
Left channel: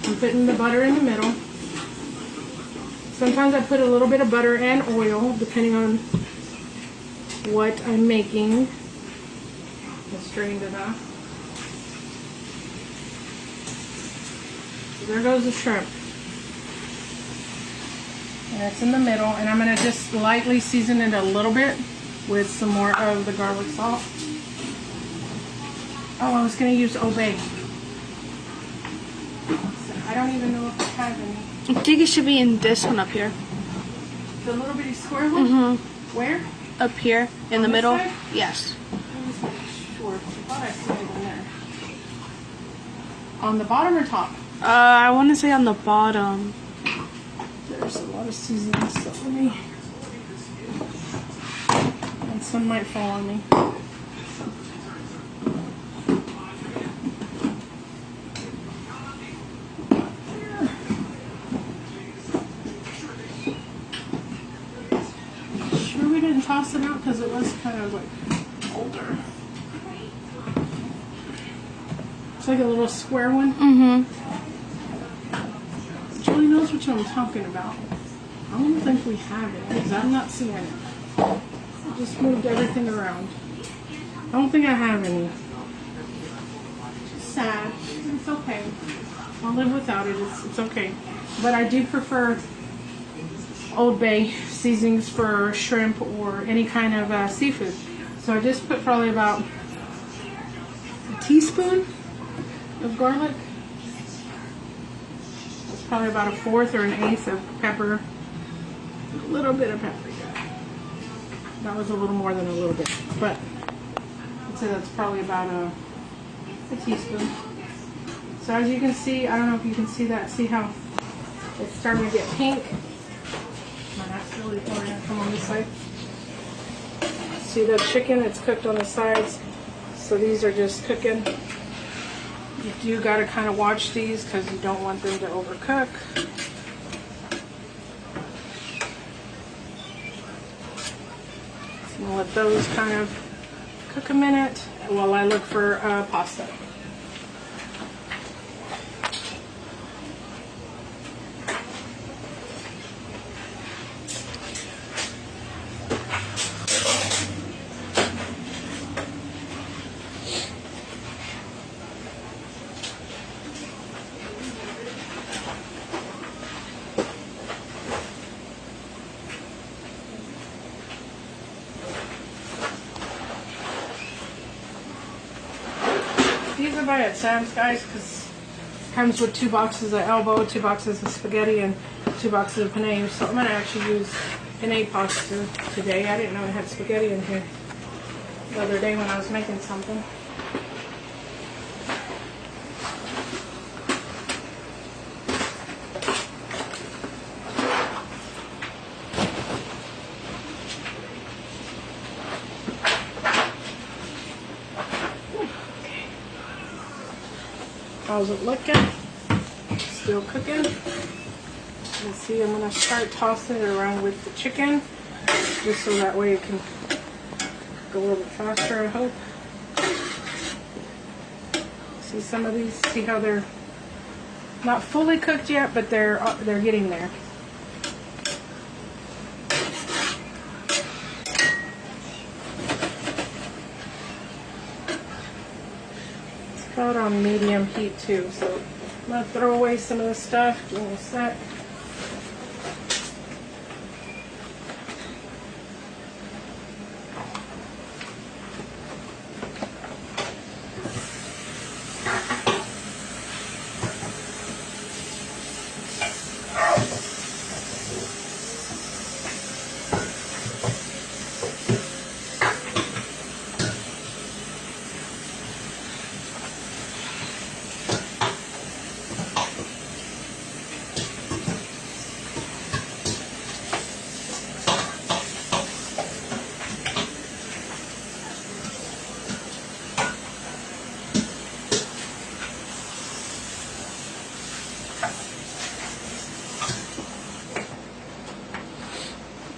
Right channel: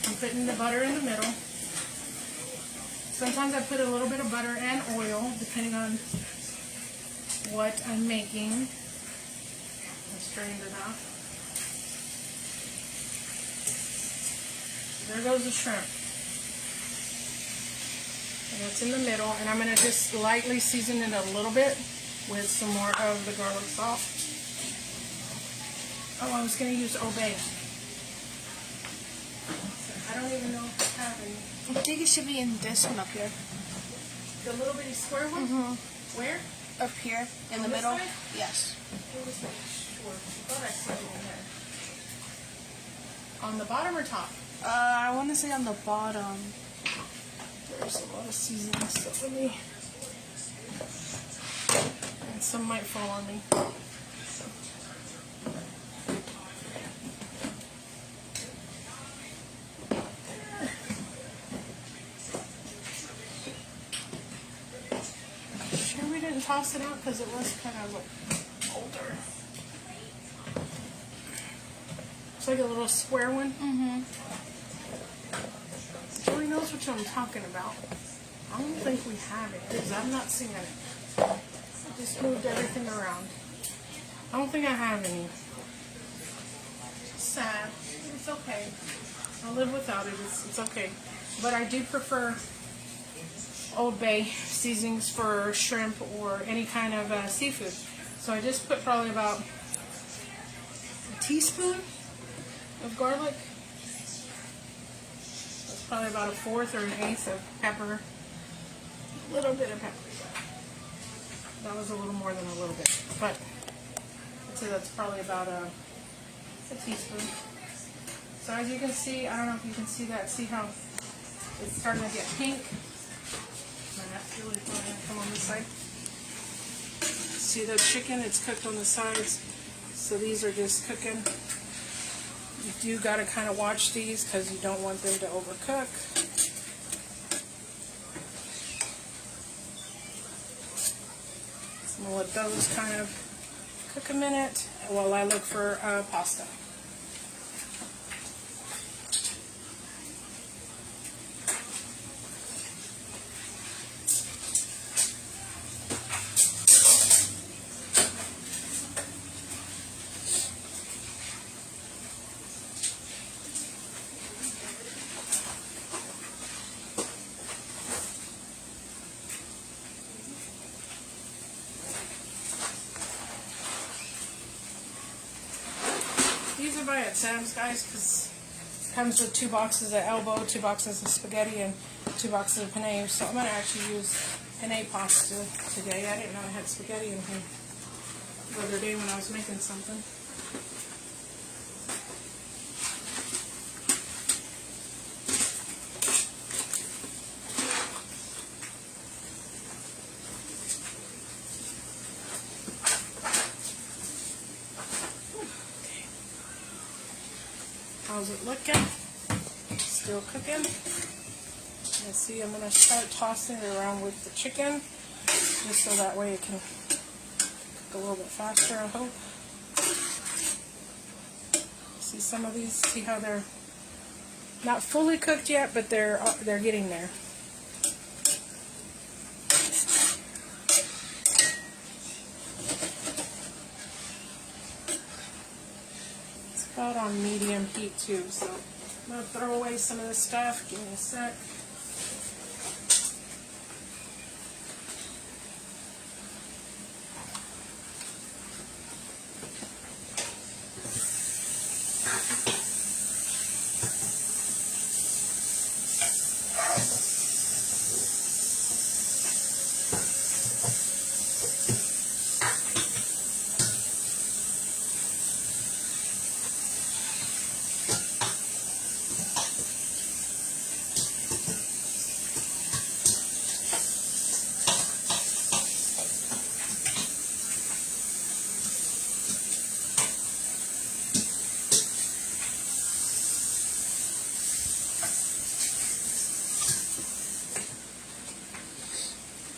I'm putting the butter in the middle. Sometimes I put a little bit of butter and oil, depending on what I'm making. I strained it off. So there goes the shrimp. And it's in the middle, and I'm going to just lightly season it a little bit with some more of the garlic salt. Oh, I was going to use Old Bay. I don't even know if I have any. I think it should be in this one up here. The little bitty square one? Mm-hmm. Where? Up here in the On this middle? side? Yes. Let me make sure. I thought I saw it in there. On the bottom or top? I want to say on the bottom. There's a lot of seasoning, so let me. And some might fall on me. Sure we didn't toss it out because it was kind of like older. It's like a little square one. Mm-hmm. Julie knows what I'm talking about. I don't think we have it because I'm not seeing it. I just moved everything around. I don't think I have any. Sad. It's okay. I'll live without it. It's okay. But I do prefer Old Bay seasonings for shrimp or any kind of seafood. So I just put probably about a teaspoon of garlic. It's probably about a fourth or an eighth of pepper. A little bit of paprika. That was a little more than a little bit, but I'd say that's probably about a teaspoon. So as you can see, I don't know if you can see that. See how it's starting to get pink? Might have to really pour it come on this side. See the chicken? It's cooked on the sides. So these are just cooking. You do got to kind of watch these because you don't want them to overcook. So I'm going to let those kind of cook a minute while I look for pasta. These are by at Sam's, guys, because it comes with 2 boxes of elbow, 2 boxes of spaghetti, and 2 boxes of penne. So I'm going to actually use penne pasta today. I didn't know it had spaghetti in here the other day when I was making something. How's it looking? Still cooking. Let's see, I'm going to start tossing it around with the chicken, just so that way it can cook a little bit faster, I hope. See some of these, see how they're not fully cooked yet, but they're getting there. About on medium heat too, so I'm going to throw away some of this stuff. Give me a sec.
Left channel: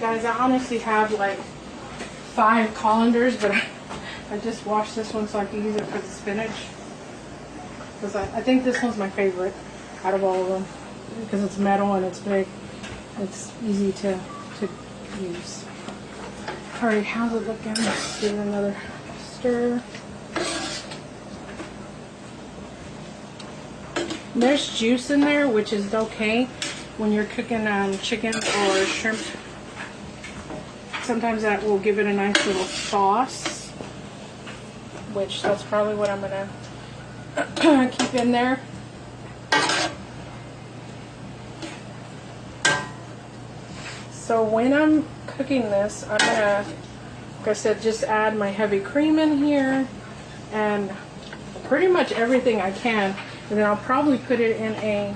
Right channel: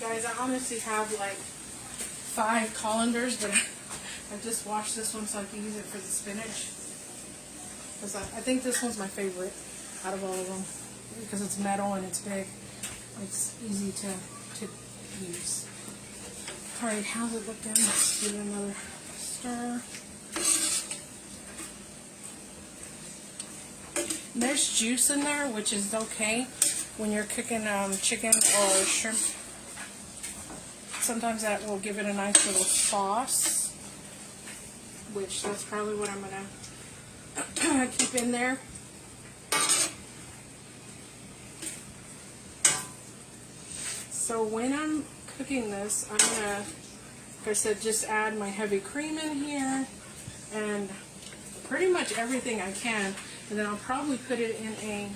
Guys, I honestly have like 5 colanders, but I just washed this one so I can use it for the spinach. Because I think this one's my favorite out of all of them. Because it's metal and it's big. It's easy to use. Alright, how's it looking? Let's give it another stir. There's juice in there, which is okay when you're cooking chicken or shrimp. Sometimes that will give it a nice little sauce, which that's probably what I'm going to keep in there. So when I'm cooking this, I'm going to Like I said, just add my heavy cream in here and pretty much everything I can. And then I'll probably put it in a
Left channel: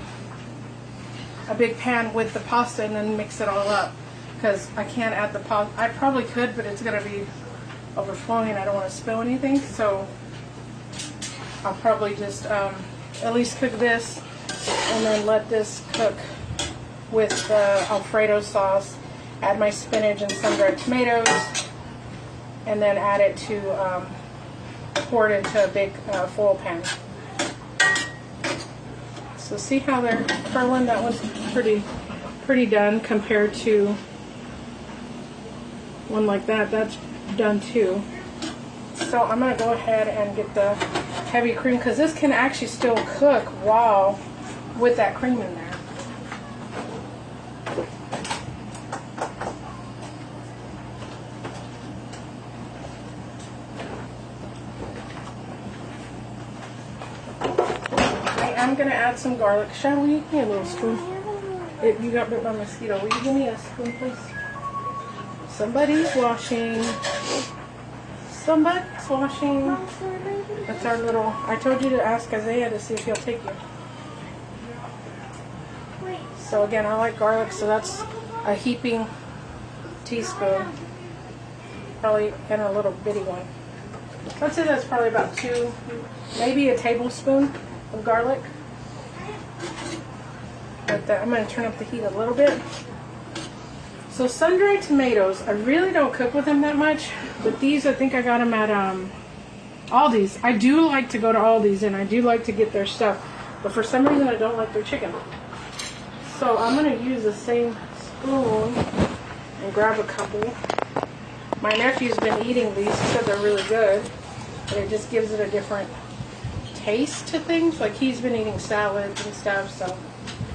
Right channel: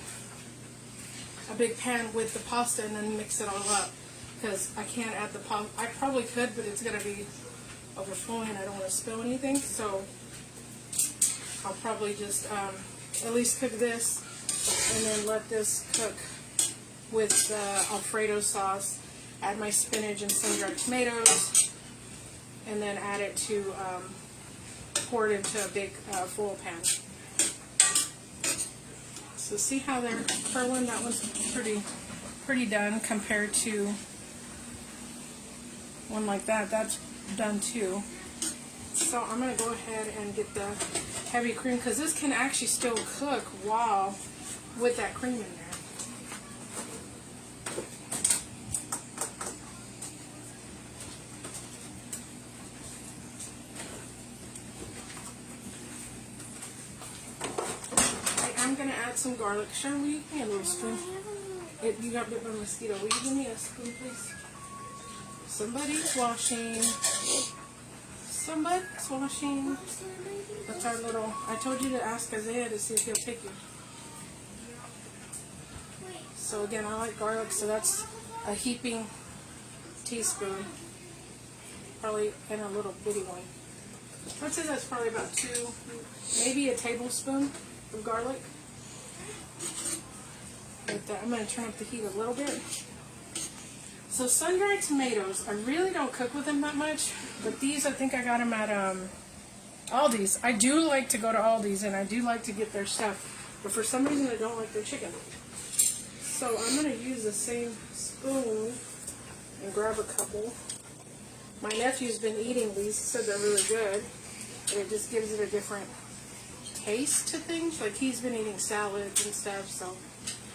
big pan with the pasta and then mix it all up. Because I can't add the pasta. I probably could, but it's going to be overflowing and I don't want to spill anything. So I'll probably just at least cook this and then let this cook with the Alfredo sauce. Add my spinach and sun-dried tomatoes, and then add it to, pour it into a big foil pan. So see how they're curling? That one's pretty done compared to one like that. That's done too. So I'm going to go ahead and get the heavy cream, because this can actually still cook while with that cream in there. I'm going to add some garlic. Sharon, will you give me a little spoon? You got bit by a mosquito. Will you give me a spoon, please? Somebody's washing. Somebody's washing. That's our little... I told you to ask Isaiah to see if he'll take you. So again, I like garlic, so that's a heaping teaspoon. Probably in a little bitty one. I'd say that's probably about 2, maybe a tablespoon of garlic. But I'm going to turn up the heat a little bit. So sun-dried tomatoes, I really don't cook with them that much, but these I think I got them at Aldi's. I do like to go to Aldi's and I do like to get their stuff, but for some reason I don't like their chicken. So I'm going to use the same spoon and grab a couple. My nephew's been eating these. He said they're really good, but it just gives it a different taste to things. Like he's been eating salads and stuff, so I'm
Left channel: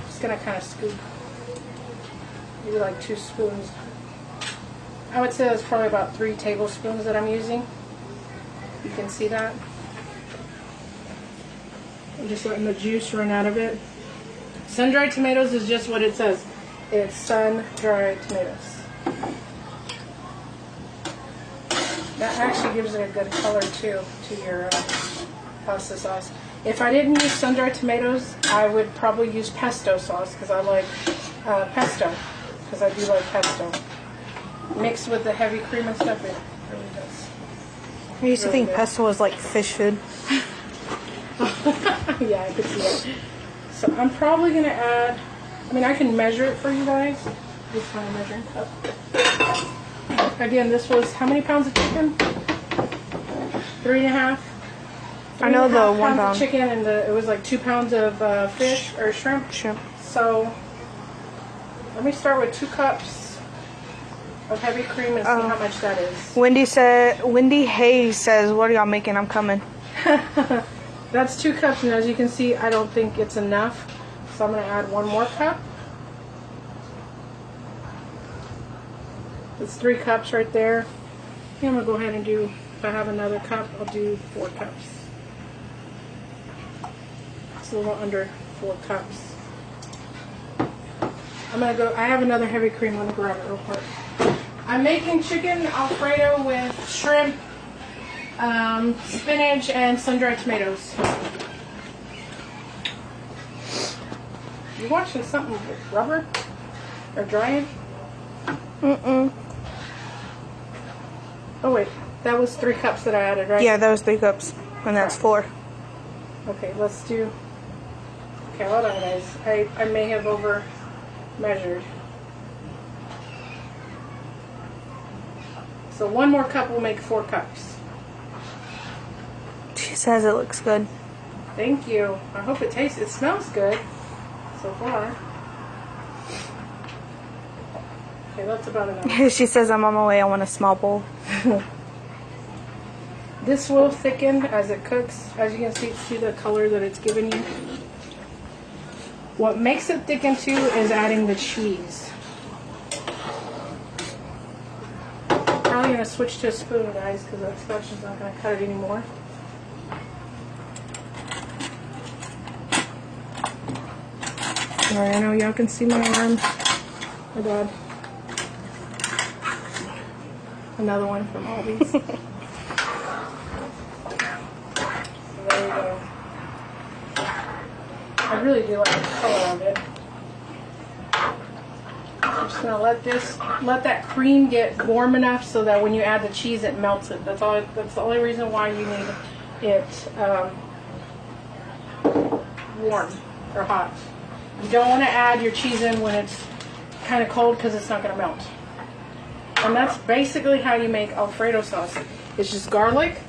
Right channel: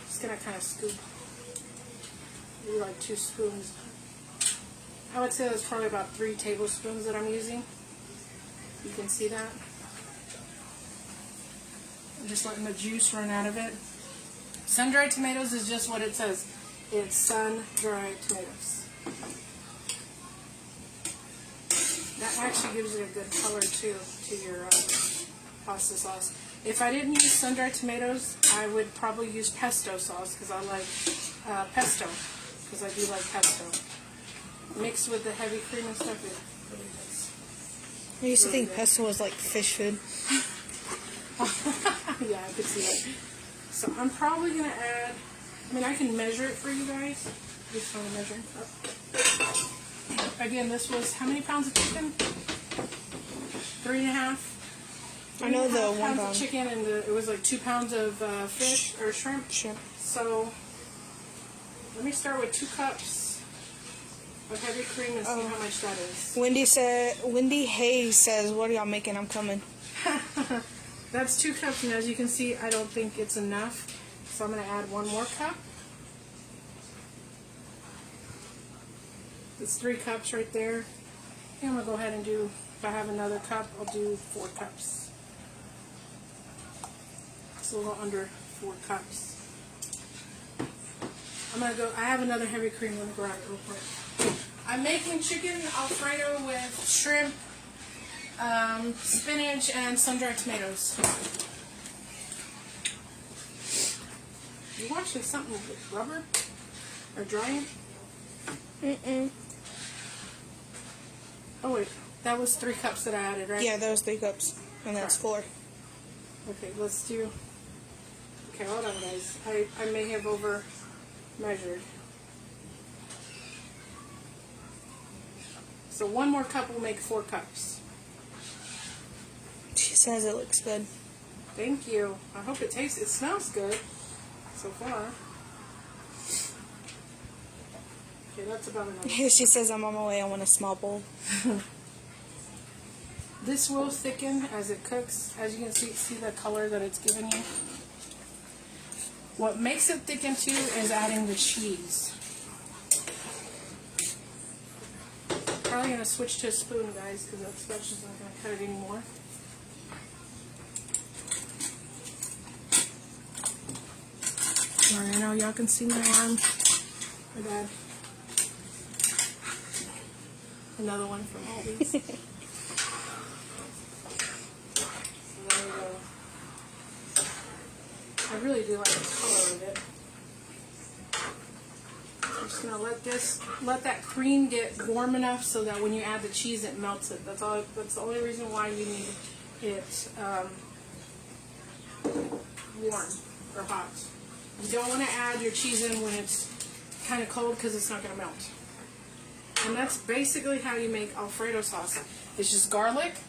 just going to kind of scoop. Maybe like 2 spoons. I would say that's probably about 3 tablespoons that I'm using. You can see that. I'm just letting the juice run out of it. Sun-dried tomatoes is just what it says. It's sun-dried tomatoes. That actually gives it a good color too to your pasta sauce. If I didn't use sun-dried tomatoes, I would probably use pesto sauce because I like pesto. Because I do like pesto. Mixed with the heavy cream and stuff, it really does. I used to think pesto was like fish food. Yeah, I could see it. So I'm probably going to add, I mean I can measure it for you guys. Just want a measuring cup. Again, this was, how many pounds of chicken? 3.5. I know the 1 pounds pound. of chicken, and it was like 2 pounds of fish or shrimp. Shrimp. So let me start with 2 cups of heavy cream and see how much that is. Wendy Hayes says, "What are y'all making? I'm coming." That's 2 cups, and as you can see, I don't think it's enough. So I'm going to add 1 more cup. That's 3 cups right there. I'm going to go ahead and do, if I have another cup, I'll do 4 cups. It's a little under 4 cups. I'm going to go, I have another heavy cream. I'm going to grab it real quick. I'm making chicken Alfredo with shrimp, spinach, and sun-dried tomatoes. You watching something with rubber? Or drying? Mm-mm. Oh wait, that was 3 cups that I added, right? Yeah, that was 3 cups. And that's 4. Okay, let's do... Okay, hold on guys. I may have over measured. So 1 more cup will make 4 cups. She says it looks good. Thank you. I hope it tastes, it smells good so far. Okay, that's about enough. She says, "I'm on my way. I want a small bowl." This will thicken as it cooks. As you can see the color that it's giving you. What makes it thicken too is adding the cheese. Probably gonna switch to a spoon, guys, because that scotch is not gonna cut it anymore. Alright, I know y'all can see my arm. My bad. Another one from Aldi's. So there we go. I really do like the color of it. I'm just gonna let that cream get warm enough so that when you add the cheese, it melts it. That's all. That's the only reason why you need it warm or hot. You don't want to add your cheese in when it's kind of cold because it's not gonna melt. And that's basically how you make Alfredo sauce. It's just garlic,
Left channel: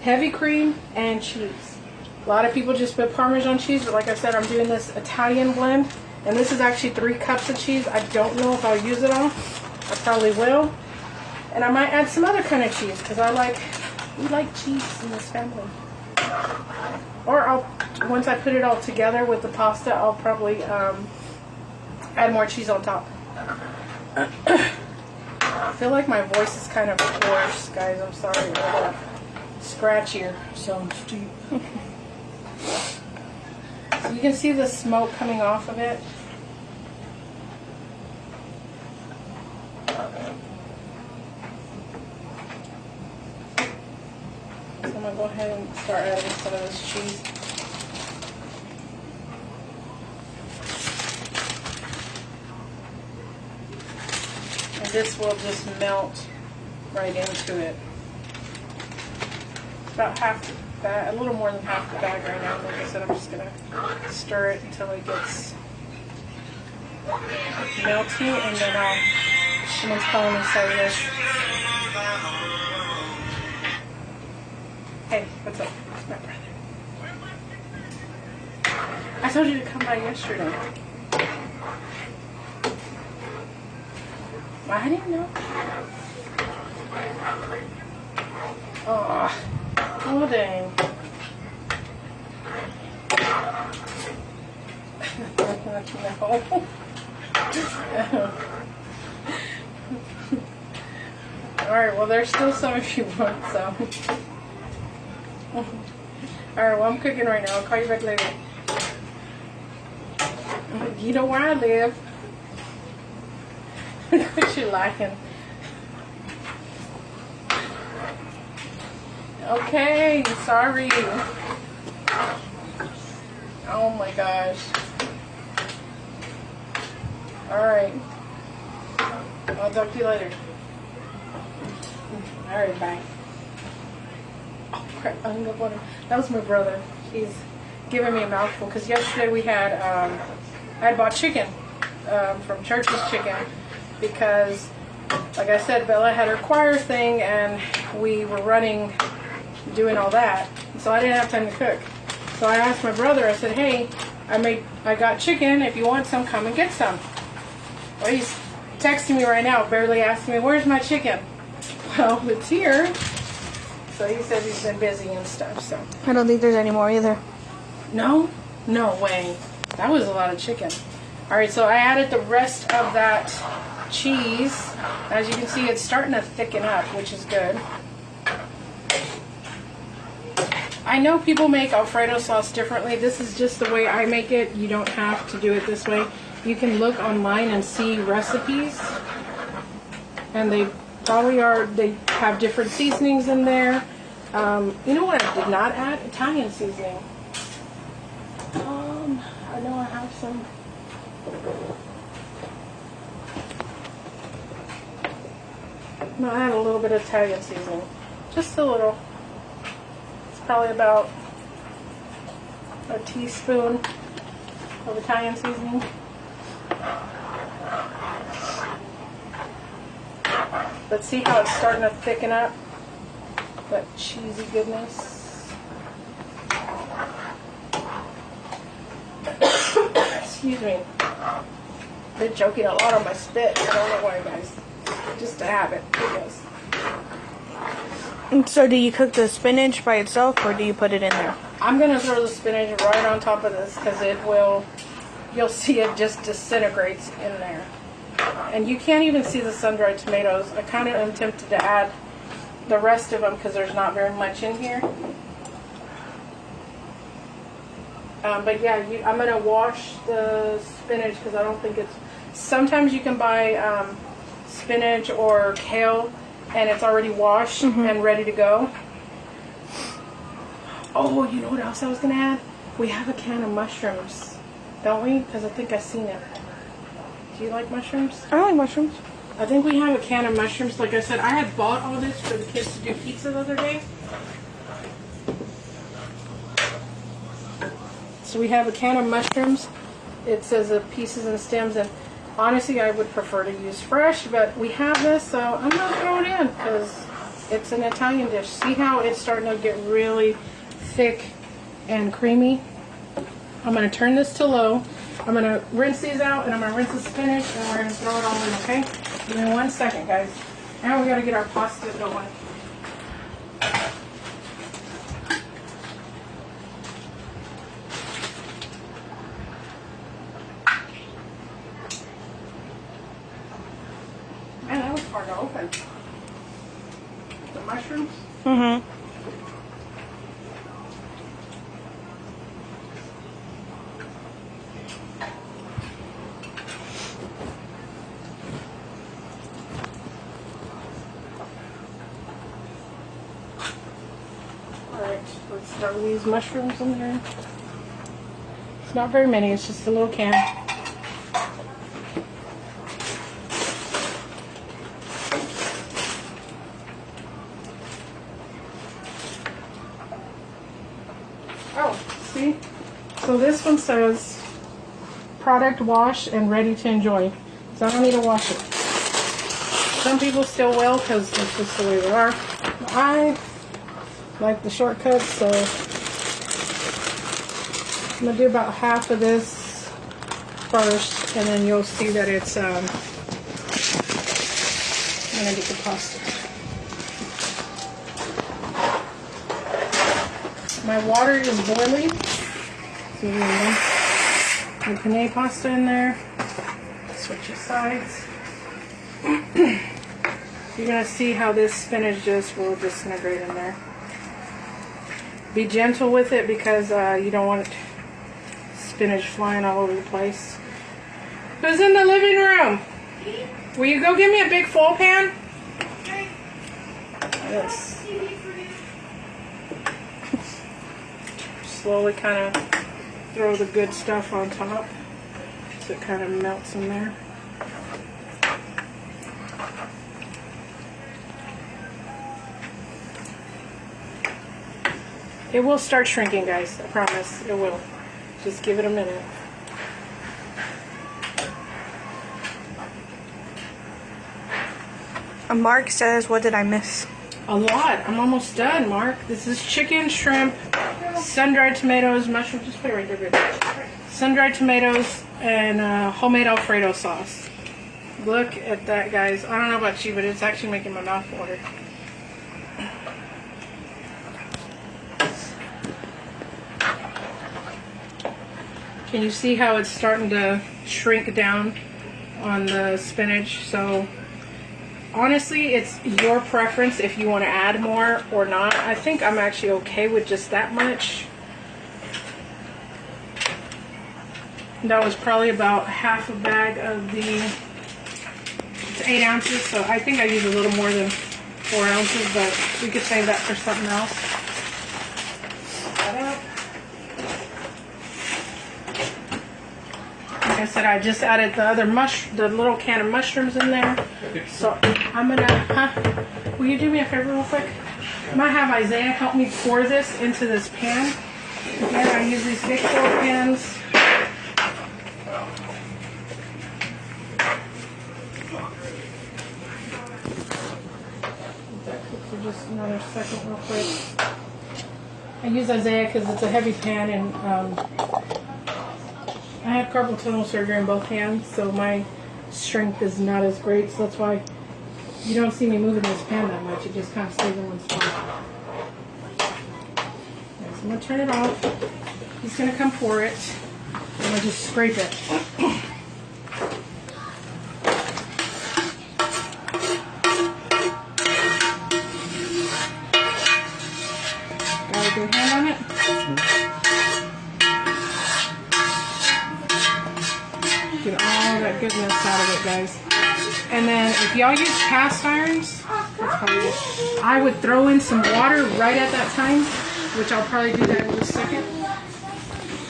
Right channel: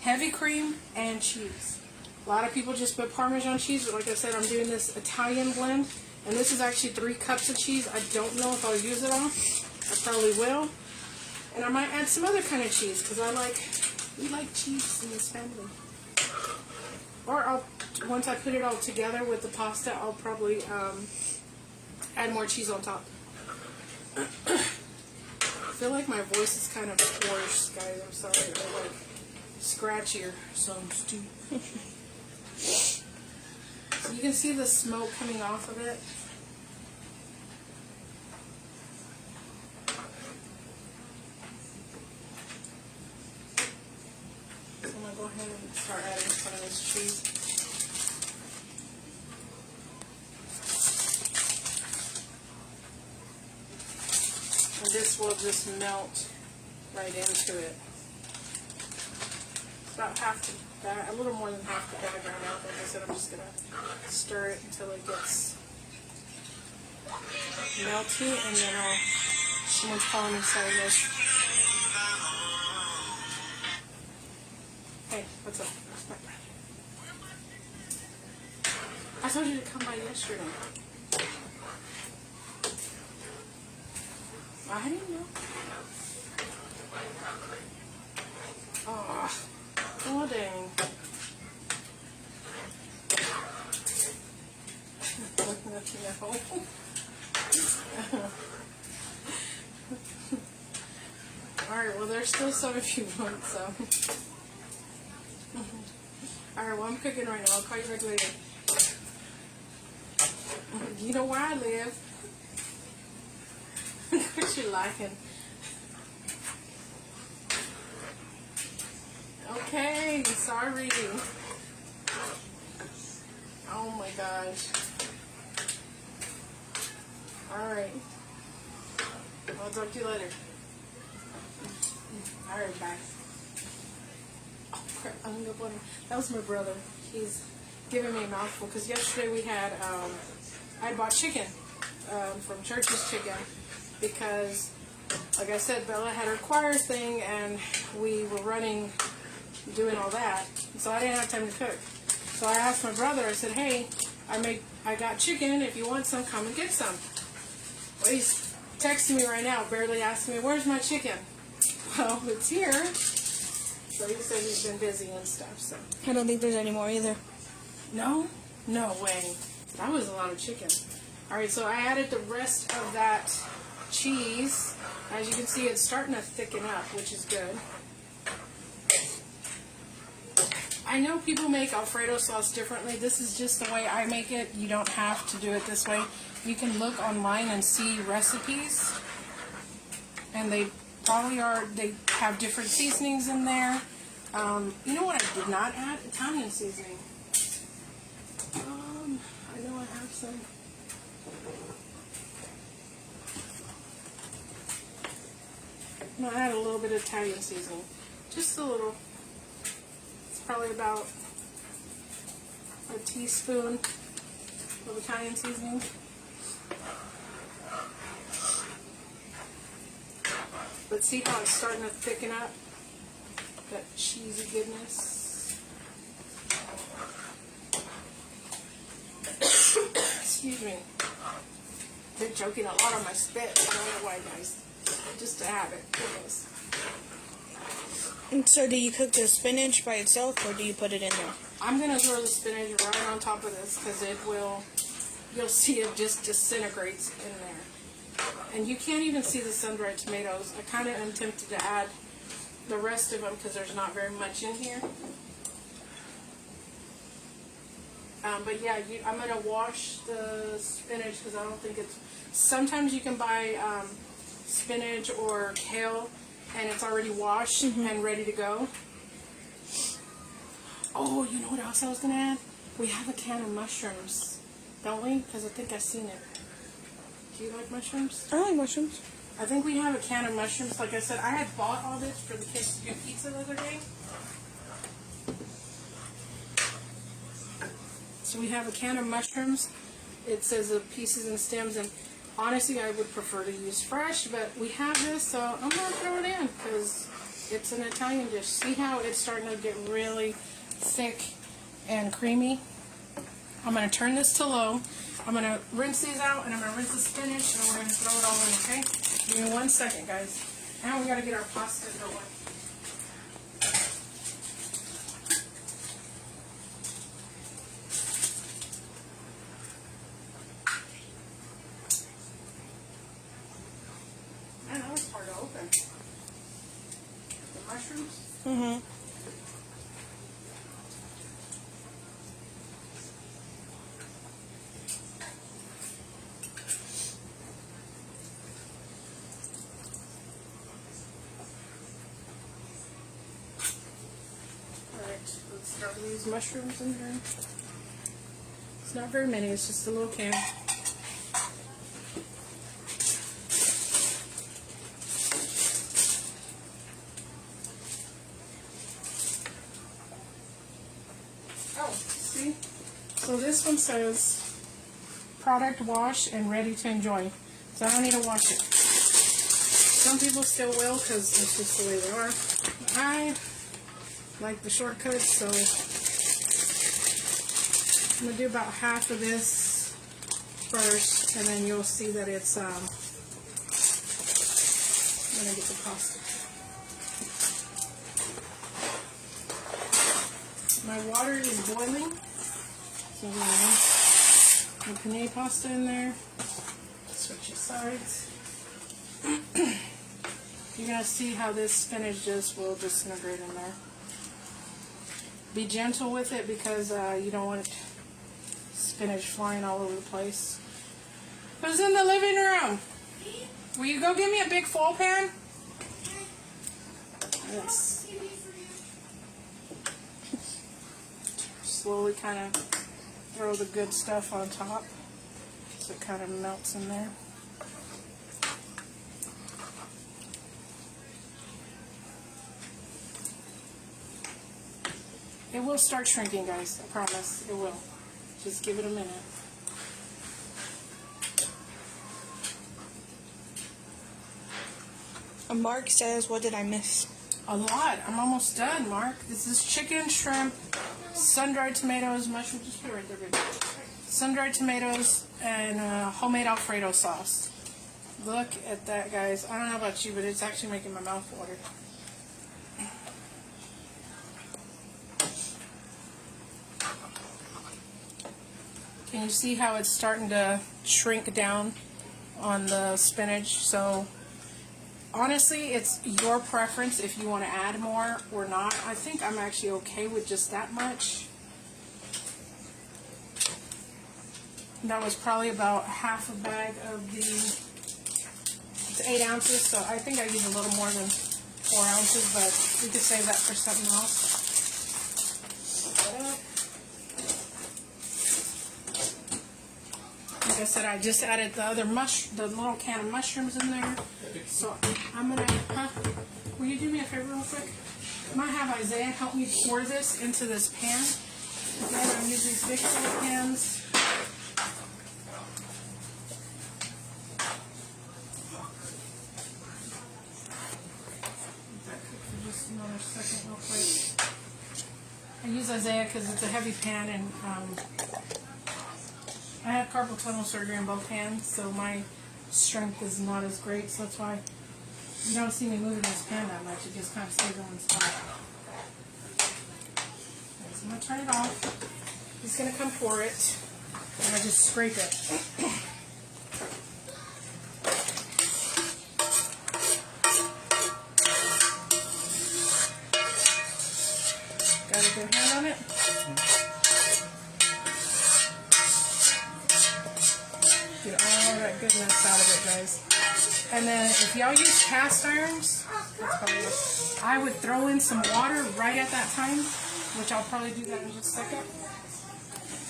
heavy cream, and cheese. A lot of people just put Parmesan cheese, but like I said, I'm doing this Italian blend. And this is actually 3 cups of cheese. I don't know if I'll use it all. I probably will. And I might add some other kind of cheese because we like cheese in this family. Or once I put it all together with the pasta, I'll probably add more cheese on top. I feel like my voice is kind of hoarse, guys. I'm sorry. I'm like scratchier, so I'm deep. So you can see the smoke coming off of it. So I'm going to go ahead and start adding some of this cheese. And this will just melt right into it. It's about half the bag, a little more than half the bag right now. Like I said, I'm just going to stir it until it gets melty, and then someone's calling me cellular. Hey, what's up? It's my brother. I told you to come by yesterday. I didn't know. Oh dang. No. Alright, well there's still some if you want some. Alright, well I'm cooking right now. I'll call you back later. You know where I live. What you liking? Okay, sorry. Oh my gosh. Alright. I'll talk to you later. Alright, bye. Oh crap, I hung up on him. That was my brother. He's giving me a mouthful because yesterday we had, I had bought chicken from Church's Chicken because, like I said, Bella had her choir thing and we were doing all that. So I didn't have time to cook. So I asked my brother, I said, hey, I got chicken. If you want some, come and get some. Well, he's texting me right now, barely asking me, where's my chicken? Well, it's here. So he said he's been busy and stuff, so. I don't think there's any more either. No? No way. That was a lot of chicken. Alright, so I added the rest of that cheese. As you can see, it's starting to thicken up, which is good. I know people make Alfredo sauce differently. This is just the way I make it. You don't have to do it this way. You can look online and see recipes. And they probably they have different seasonings in there. You know what I did not add? Italian seasoning. I know I have some. I'm going to add a little bit of Italian seasoning. Just a little. Probably about a teaspoon of Italian seasoning. But see how it's starting to thicken up? That cheesy goodness. Excuse me. They're joking a lot on my spit. I don't know why, guys. Just a habit, I guess. So do you cook the spinach by itself or do you put it in there? I'm going to throw the spinach right on top of this because you'll see it just disintegrates in there. And you can't even see the sun-dried tomatoes. I kind of am tempted to add the rest of them because there's not very much in here. But yeah, I'm going to wash the spinach because I don't think it's... Sometimes you can buy spinach or kale and it's already washed and ready to go. Oh, you know what else I was going to add? We have a can of mushrooms, don't we? Because I think I've seen it. Do you like mushrooms? I like mushrooms. I think we have a can of mushrooms. Like I said, I had bought all this for the kids to do pizza the other day. So we have a can of mushrooms. It says pieces and stems, and honestly I would prefer to use fresh, but we have this, so I'm going to throw it in because it's an Italian dish. See how it's starting to get really thick and creamy? I'm going to turn this to low. I'm going to rinse these out, and I'm going to rinse the spinach, and we're going to throw it all in, okay? Give me 1 second, guys. Now we got to get our pasta going. Man, that was hard to open. The mushrooms? Mm-hmm. Alright, let's start with these mushrooms in there. It's not very many, it's just a little can. Oh, see? So this one says product wash and ready to enjoy. So I don't need to wash it. Some people still will because it's just the way they are. But I like the shortcuts, so I'm going to do about half of this first, and then you'll see that it's, I'm going to get the pasta. My water is boiling, so we're going to put the penne pasta in there, switch the sides. You're going to see how this spinach just will disintegrate in there. Be gentle with it because you don't want spinach flying all over the place. Who's in the living room? Will you go get me a big full pan? Yes. Slowly kind of throw the good stuff on top so it kind of melts in there. It will start shrinking, guys. I promise. It will. Just give it a minute. Mark says, what did I miss? A lot. I'm almost done, Mark. This is chicken, shrimp, sun-dried tomatoes, mushrooms. Just put it right there, baby. Sun-dried tomatoes and homemade Alfredo sauce. Look at that, guys. I don't know about you, but it's actually making my mouth water. Can you see how it's starting to shrink down on the spinach? So honestly, it's your preference if you want to add more or not. I think I'm actually okay with just that much. That was probably about half a bag of the, it's 8 ounces, so I think I used a little more than 4 ounces, but we could save that for something else. Like I said, I just added the other the little can of mushrooms in there. So I'm gonna, will you do me a favor real quick? I'm gonna have Isaiah help me pour this into this pan. Again, I use these big 4 pans. Let that cook for just another second real quick. I use Isaiah because it's a heavy pan, and I had carpal tunnel surgery in both hands, so my strength is not as great, so that's why you don't see me moving this pan that much. It just kind of stays in one spot. Okay, so I'm going to turn it off. He's going to come pour it. I'm going to just scrape it. Got a good hand on it? Get all that that goodness out of it, guys. And then if y'all use cast irons, I would throw in some water right at that time, which I'll probably do that in just a second.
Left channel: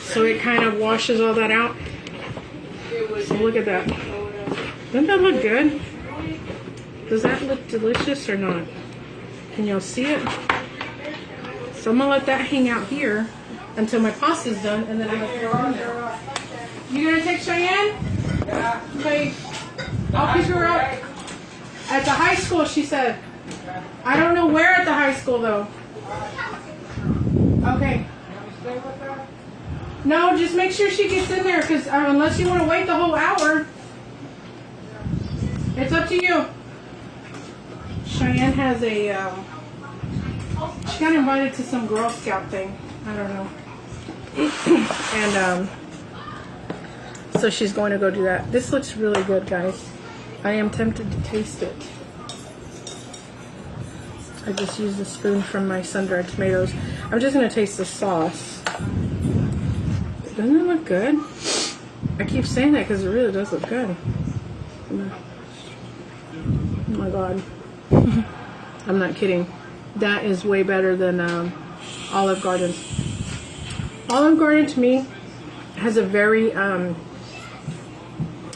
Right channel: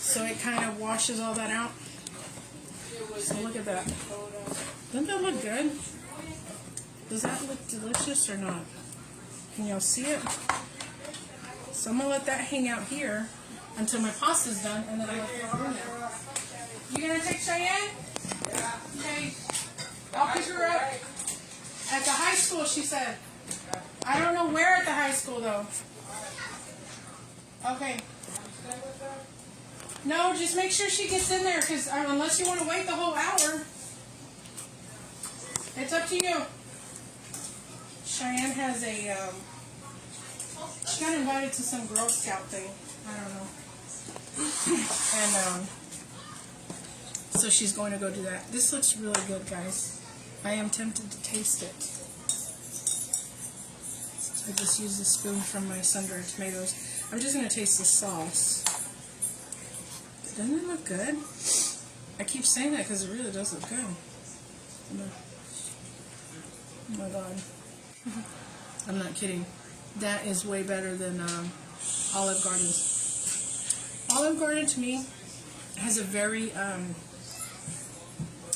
So it kind of washes all that out. So look at that. Doesn't that look good? Does that look delicious or not? Can y'all see it? So I'm gonna let that hang out here until my pasta's done, and then I'm gonna throw it in there. You gonna take Cheyenne? Yeah. Okay. I'll pick her up at the high school, she said. I don't know where at the high school though. Okay. No, just make sure she gets in there, because unless you want to wait the whole hour, it's up to you. Cheyenne has a, she got invited to some Girl Scout thing. I don't know. And, so she's going to go do that. This looks really good, guys. I am tempted to taste it. I just used a spoon from my sun-dried tomatoes. I'm just going to taste the sauce. Doesn't it look good? I keep saying that because it really does look good. Oh my god. I'm not kidding. That is way better than Olive Garden. Olive Garden to me has a very,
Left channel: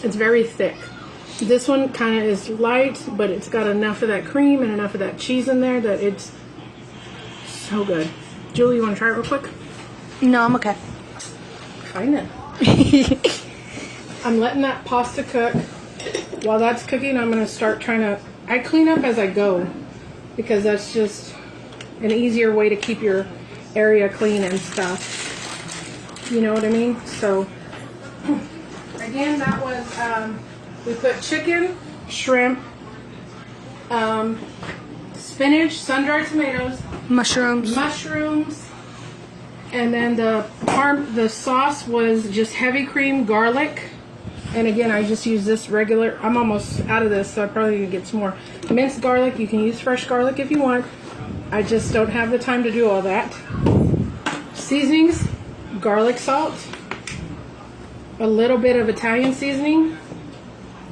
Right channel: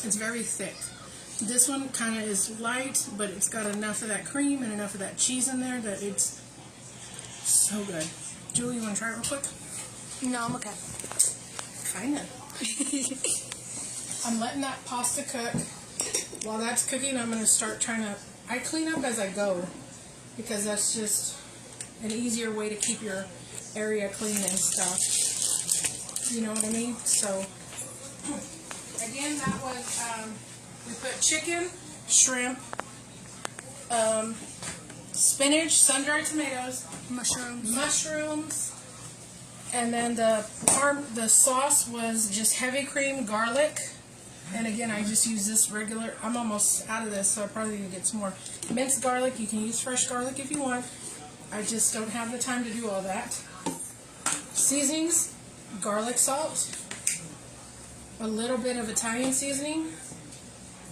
it's very thick. This one kind of is light, but it's got enough of that cream and enough of that cheese in there that it's so good. Julie, you want to try it real quick? No, I'm okay. Fine then. I'm letting that pasta cook. While that's cooking, I'm going to start trying to... I clean up as I go, because that's just an easier way to keep your area clean and stuff. You know what I mean? So, again, that was... we put chicken, shrimp, spinach, sun-dried tomatoes, mushrooms, and then the sauce was just heavy cream, garlic, and again I just use this regular. I'm almost out of this, so I probably need to get some more minced garlic. You can use fresh garlic if you want. I just don't have the time to do all that. Seasonings: garlic salt, a little bit of Italian seasoning,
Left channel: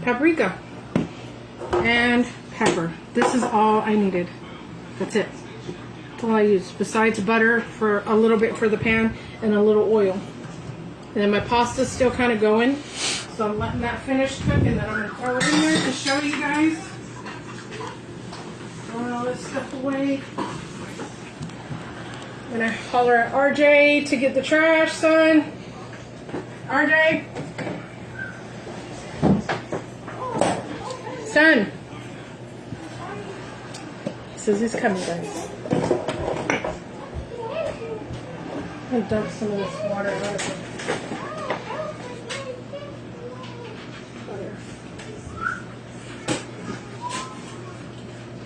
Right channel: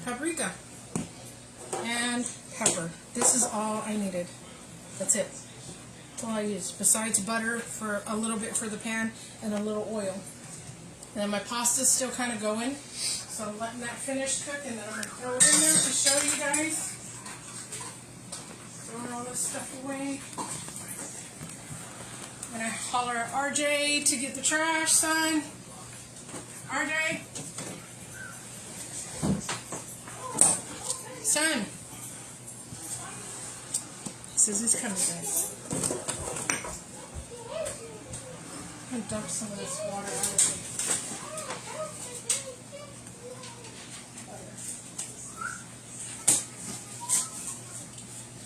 paprika, and pepper. This is all I needed. That's it. That's all I used, besides butter for a little bit for the pan and a little oil. And then my pasta's still kind of going, so I'm letting that finish cook, and then I'm going to throw it in there to show you guys. Throwing all this stuff away. I'm going to holler at RJ to get the trash, son. RJ. Son. He says he's coming, guys. I'm going to dump some of this water out of it.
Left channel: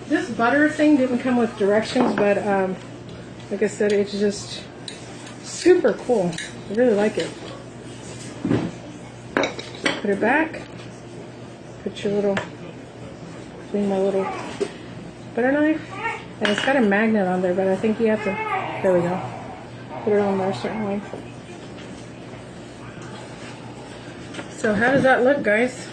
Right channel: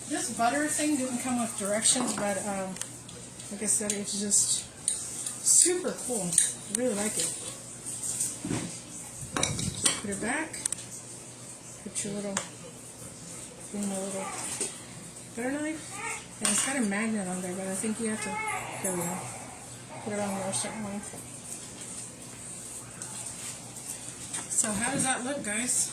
This butter thing didn't come with directions, but like I said, it's just super cool. I really like it. Put it back. Put your little... Clean my little butter knife, and it's got a magnet on there, but I think you have to, there we go, put it on there a certain way. So how does that look, guys?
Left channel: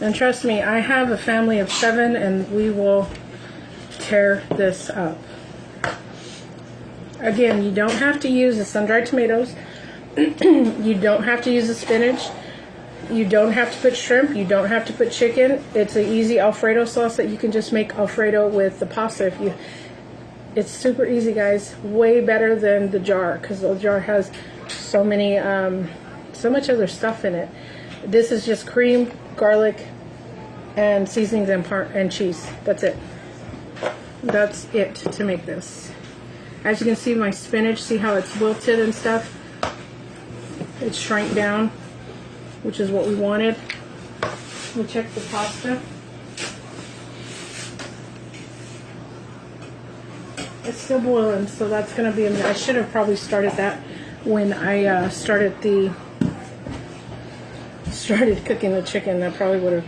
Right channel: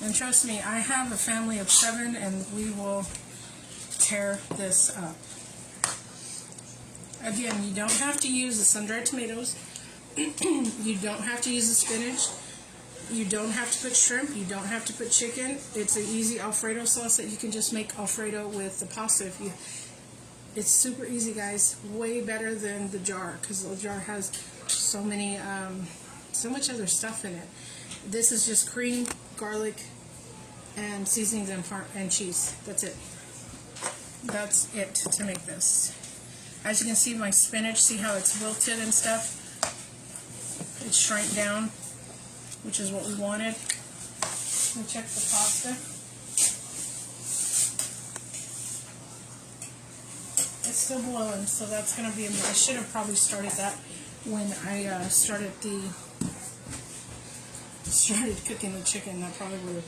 And trust me, I have a family of 7, and we will tear this up. Again, you don't have to use the sun-dried tomatoes. You don't have to use the spinach. You don't have to put shrimp. You don't have to put chicken. It's an easy Alfredo sauce that you can just make Alfredo with the pasta. It's super easy, guys. Way better than the jar, because the jar has so many, so much other stuff in it. This is just cream, garlic, and seasonings and cheese. That's it. That's it to make this. As you can see, my spinach, see how it's wilted and stuff? It shrank down, which is what we wanted. We'll check the pasta. It's still boiling, so that's going to be I should have probably started that when I started cooking the chicken. That probably would have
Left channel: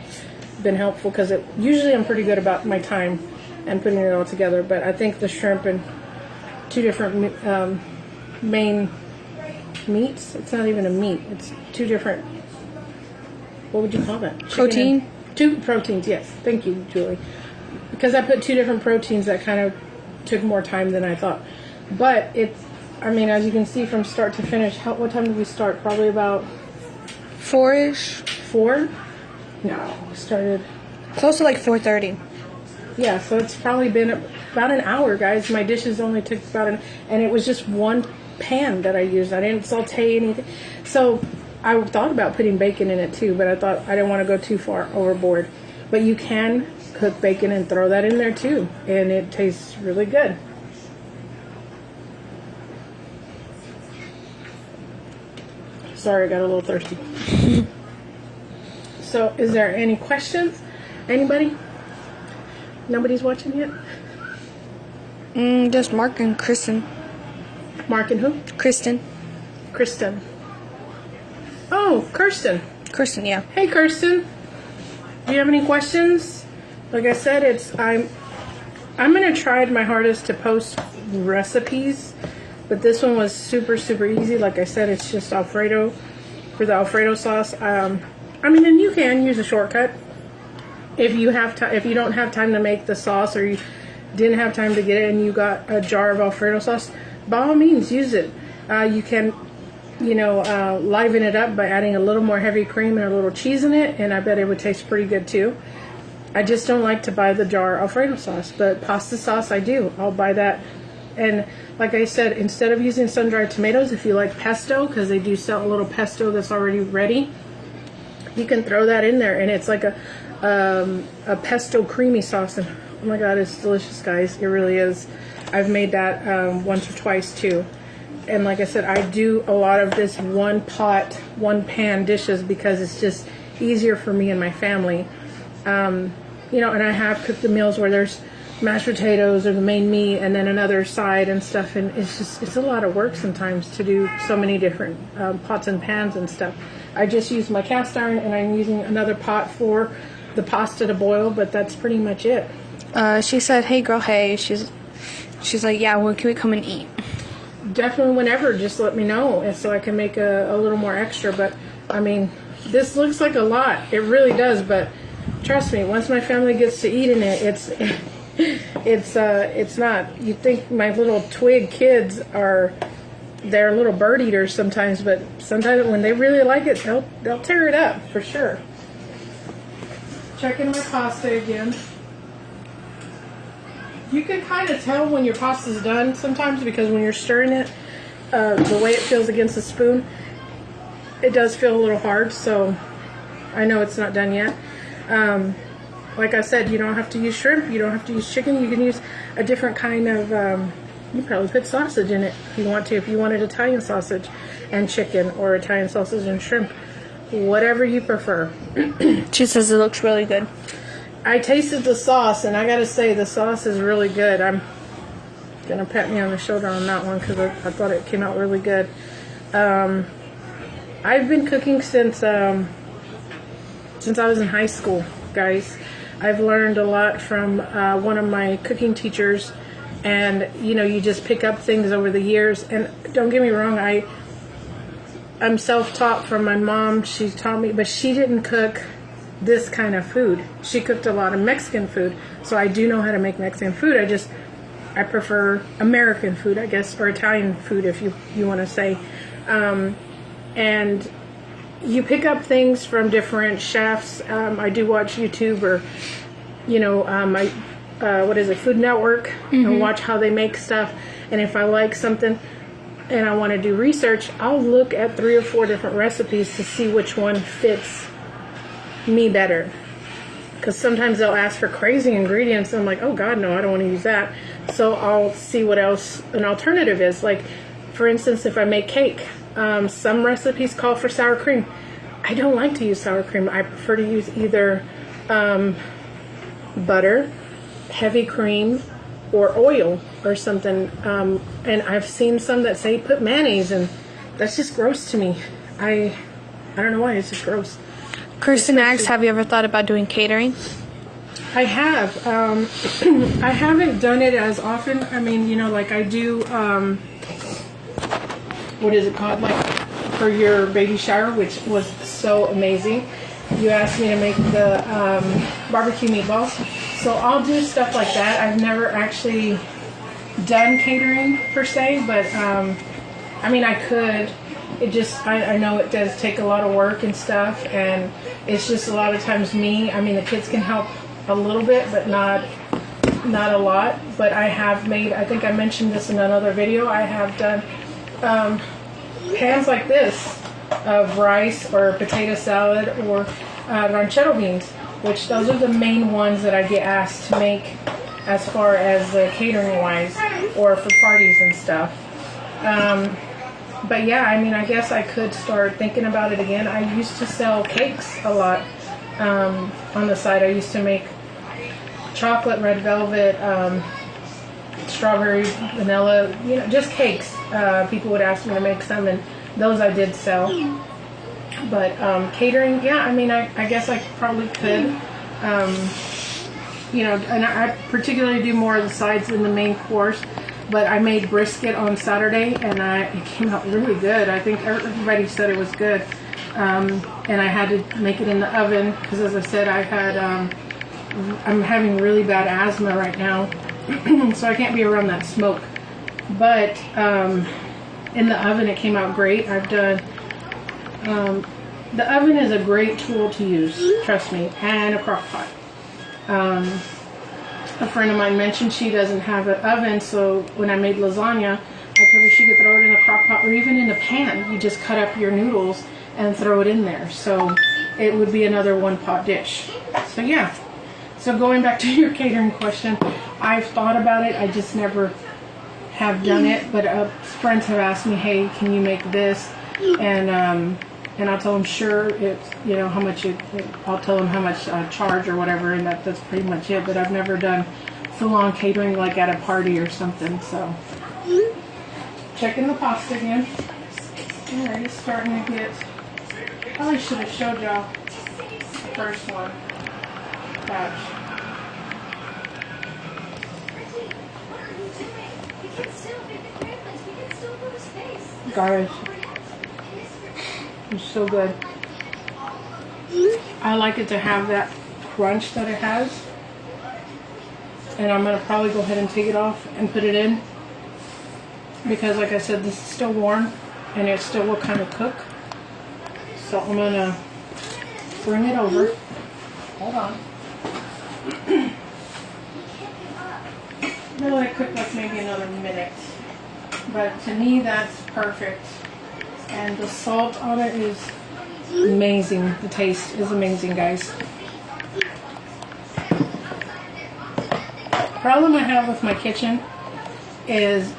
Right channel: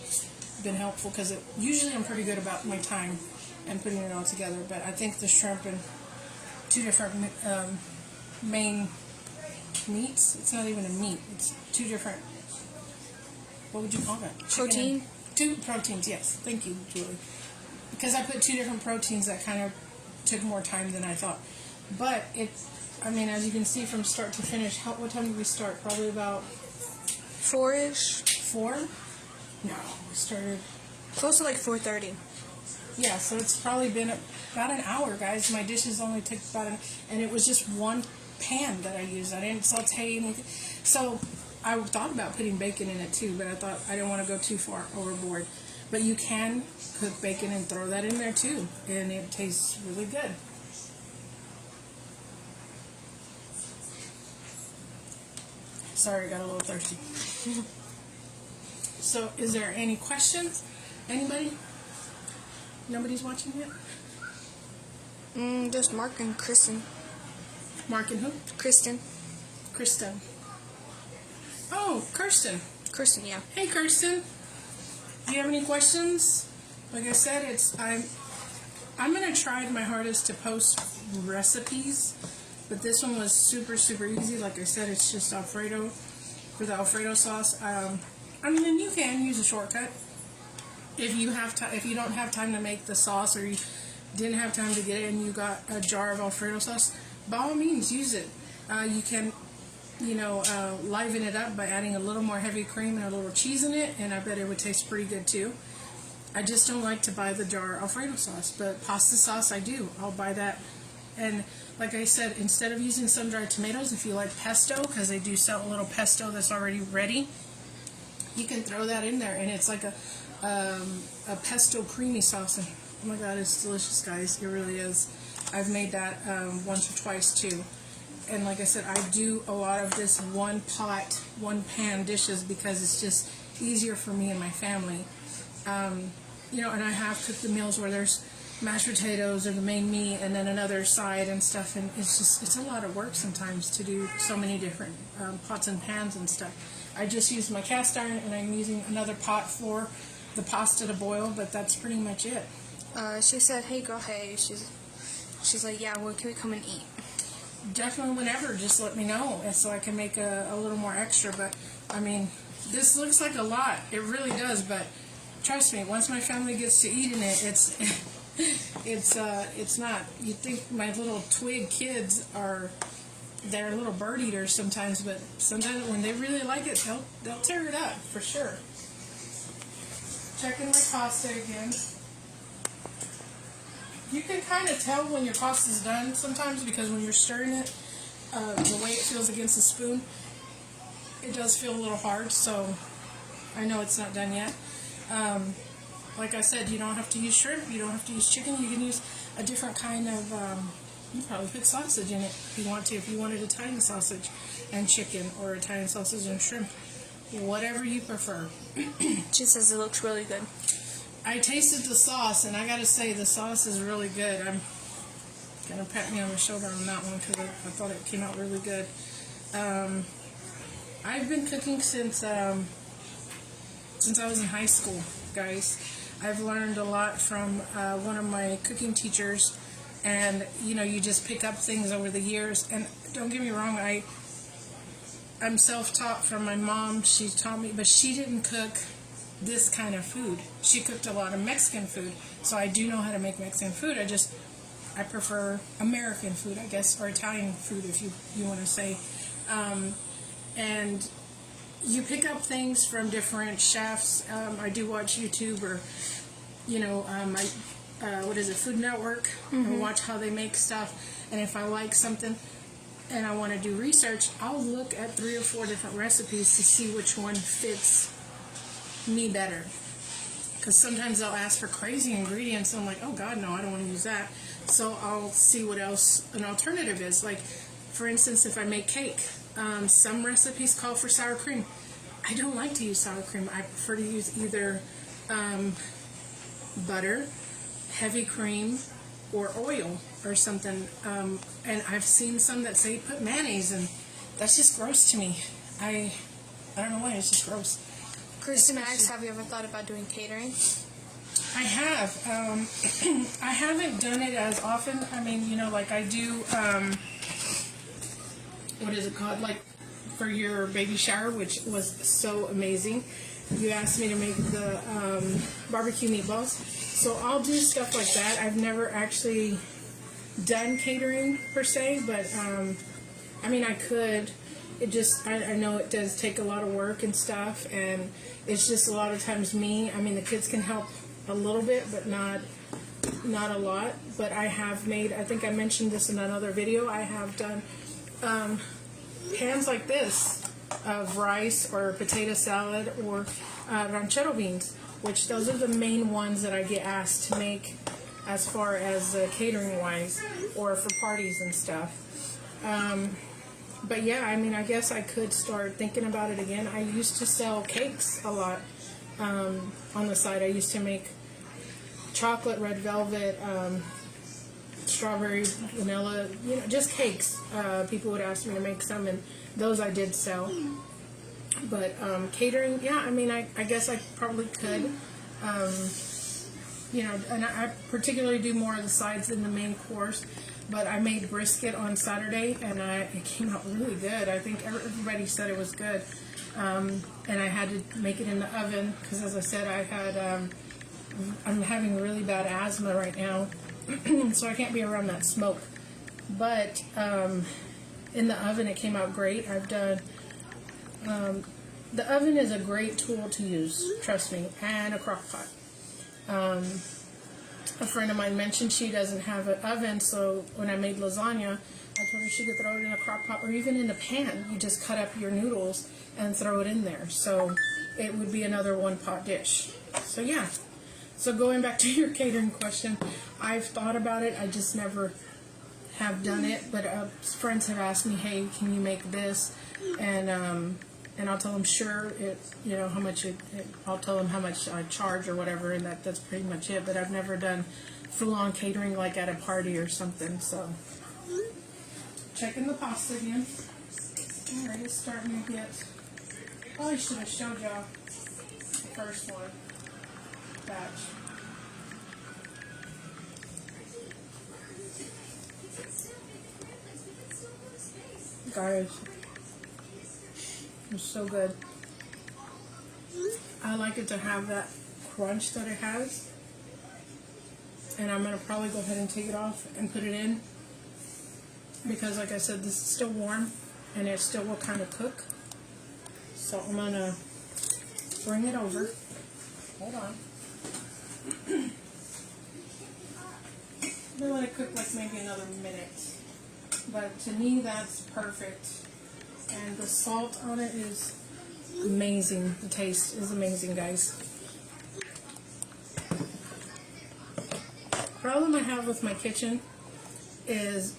been helpful, because usually I'm pretty good about my time and putting it all together, but I think the shrimp and 2 different main meats. It's not even a meat. It's two different, what would you call that? Protein? Two proteins, yes. Thank you, Julie. Because I put two different proteins that kind of took more time than I thought. But as you can see from start to finish, what time did we start? Probably about 4-ish. 4? No, we started Close to like 4:30. Yeah, so it's probably been about an hour, guys. My dishes only took and it was just one pan that I used. I didn't saute anything. So I thought about putting bacon in it too, but I thought I didn't want to go too far overboard. But you can cook bacon and throw that in there too, and it tastes really good. Sorry, I got a little thirsty. So, is there any questions? Anybody? Nobody's watching yet? Just Mark and Kristen. Mark and who? Kristen. Kristen. Oh, Kirsten. Kristen, yeah. Hey, Kirsten. Do you have any questions? Like I said, I'm gonna try my hardest to post recipes, but this one was super, super easy. Like I said, it's just Alfredo for the Alfredo sauce. And you can use a shortcut if you if you don't have time to make the sauce, or you didn't have time to get it and you got a jar of Alfredo sauce. By all means, use it. You can, liven it up by adding a little more heavy cream and a little cheese in it, and I bet it would taste pretty good too. I just don't like to buy the jar Alfredo sauce, but pasta sauce I do. I'll buy that. And like I said, instead of using sun-dried tomatoes, if you like pesto, because they do sell a little pesto that's already ready, you can throw that in there, and it's like a pesto creamy sauce. And oh my god, it's delicious, guys. It really is. I've made that once or twice too. And like I said, I do a lot of this one pot, one pan dishes because it's just easier for me and my family. And I have cooked the meals where there's mashed potatoes or the main meat and then another side and stuff, and it's a lot of work sometimes to do so many different pots and pans and stuff. I just use my cast iron, and I'm using another pot for the pasta to boil, but that's pretty much it. She said, "Hey girl, hey." She's like, "Yeah, when can we come and eat?" Definitely whenever, just let me know so I can make a little more extra. But this looks like a lot. It really does, but trust me, once my family gets to eating it, it's not. You think my little twig kids they're little bird eaters sometimes, but sometimes when they really like it, they'll tear it up for sure. Checking my pasta again. You can kind of tell when your pasta's done sometimes, because when you're stirring it, the way it feels against the spoon, it does feel a little hard, so I know it's not done yet. Like I said, you don't have to use shrimp, you don't have to use chicken, you can use a different kind of, you probably put sausage in it if you want to, if you wanted Italian sausage and chicken, or Italian sausage and shrimp, whatever you prefer. She says it looks really good. I tasted the sauce, and I gotta say, the sauce is really good. I'm gonna pat me on the shoulder on that one because I thought it came out really good. I've been cooking since I was in high school, guys. I've learned a lot from one of my cooking teachers, and you just pick up things over the years. And don't get me wrong, I'm self-taught from my mom. She taught me, but she didn't cook this kind of food. She cooked a lot of Mexican food, so I do know how to make Mexican food. I prefer American food, I guess, or Italian food, if you want to say. And you pick up things from different chefs. I do watch YouTube, or Food Network, and watch how they make stuff. And if I like something and I want to do research, I'll look at 3 or 4 different recipes to see which one fits me better, because sometimes they'll ask for crazy ingredients and I'm like, oh god, no, I don't want to use that. So I'll see what else an alternative is. Like, for instance, if I make cake, some recipes call for sour cream. I don't like to use sour cream. I prefer to use either butter, heavy cream, or oil or something. And I've seen some that say put mayonnaise, and that's just gross to me. I don't know why, it's just gross. Kirsten asks, have you ever thought about doing catering? I have. I haven't done it as often. Like I do, what is it called? Like for your baby shower, which was so amazing. You asked me to make the barbecue meatballs, so I'll do stuff like that. I've never actually done catering per se, but I mean, I could. It just, I know it does take a lot of work and stuff, and it's just a lot of times me. I mean, the kids can help a little bit, but not a lot. But I have made, I think I mentioned this in another video, I have done pans like this of rice or potato salad or ranchero beans, which those are the main ones that I get asked to make as far as catering wise or for parties and stuff. But yeah, I mean, I guess I could start thinking about it again. I used to sell cakes a lot on the side. I used to make chocolate, red velvet, strawberry, vanilla, you know, just cakes. People would ask me to make some, and those I did sell. But catering, yeah, I mean, I guess I probably could. You know, and I particularly do more of the sides than the main course. But I made brisket on Saturday, and it came out really good. I think everybody said it was good. And I had to make it in the oven because, as I said, I'm having really bad asthma right now, so I can't be around that smoke. But in the oven, it came out great. I've done. The oven is a great tool to use, trust me, and a crock pot. A friend of mine mentioned she doesn't have an oven, so when I made lasagna, I told her she could throw it in a crock pot or even in a pan. You just cut up your noodles and throw it in there. So it would be another one-pot dish. So yeah. So going back to your catering question, I've thought about it. I just never have done it. But friends have asked me, hey, can you make this? And I'll tell them, sure, you know, how much I'll tell them how much I charge or whatever, and that's pretty much it. But I've never done full-on catering like at a party or something, so. Checking the pasta again. Alright, it's starting to get, probably should have showed y'all the first one. Batch. Guys. It's so good. I like it to have that crunch that it has. And I'm going to probably go ahead and take it off and put it in. Because like I said, this is still warm and it still will kind of cook. So I'm going to bring it over. Hold on. I'll let it cook like maybe another minute. But to me, that's perfect. And the salt on it is amazing. The taste is amazing, guys. Problem I have with my kitchen is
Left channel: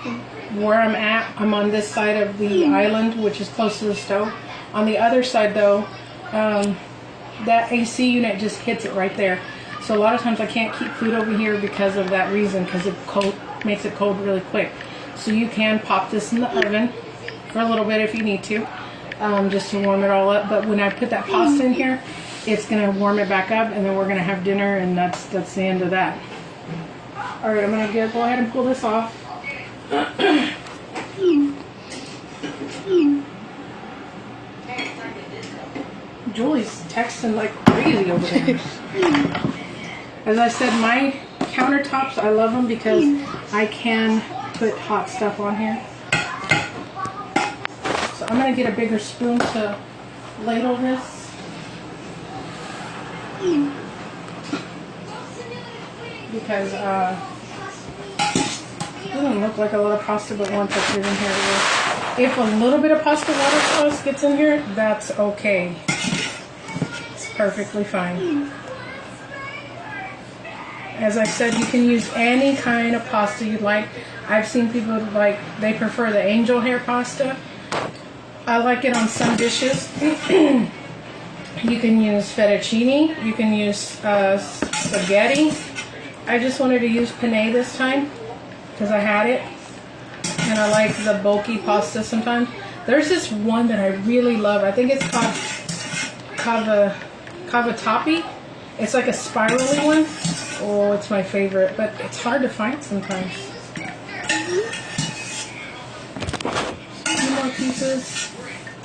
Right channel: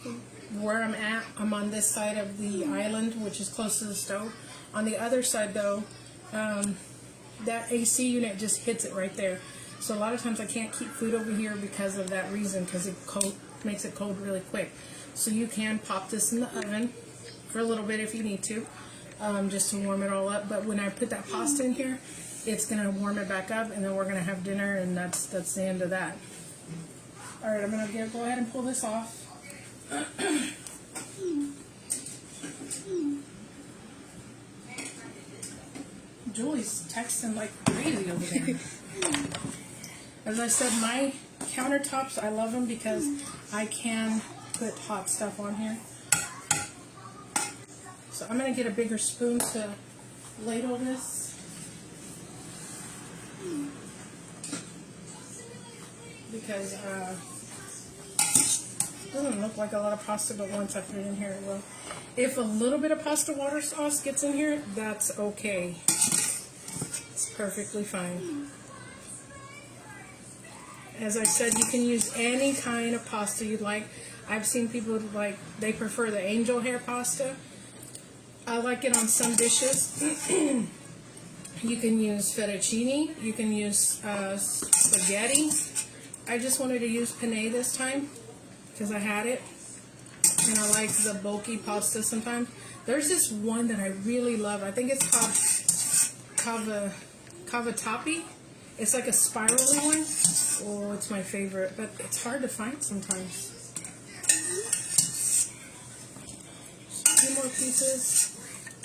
where I'm at. I'm on this side of the island, which is close to the stove. On the other side, though, that AC unit just hits it right there. So a lot of times I can't keep food over here because of that reason, because it makes it cold really quick. So you can pop this in the oven for a little bit if you need to, just to warm it all up. But when I put that pasta in here, it's going to warm it back up, and then we're going to have dinner, and that's the end of that. All right, I'm going to go ahead and pull this off. Julie's texting like crazy over there. As I said, my countertops, I love them because I can put hot stuff on here. So I'm going to get a bigger spoon to ladle this. Because it doesn't look like a lot of pasta, but once I put it in here, if a little bit of pasta water sauce gets in here, that's okay. It's perfectly fine. As I said, you can use any kind of pasta you like. I've seen people they prefer the angel hair pasta. I like it on some dishes. You can use fettuccine. You can use spaghetti. I just wanted to use penne this time because I had it. And I like the bulky pasta sometimes. There's this one that I really love. I think it's called cavatappi. It's like a spirally one. Oh, it's my favorite, but it's hard to find sometimes. Some more pieces.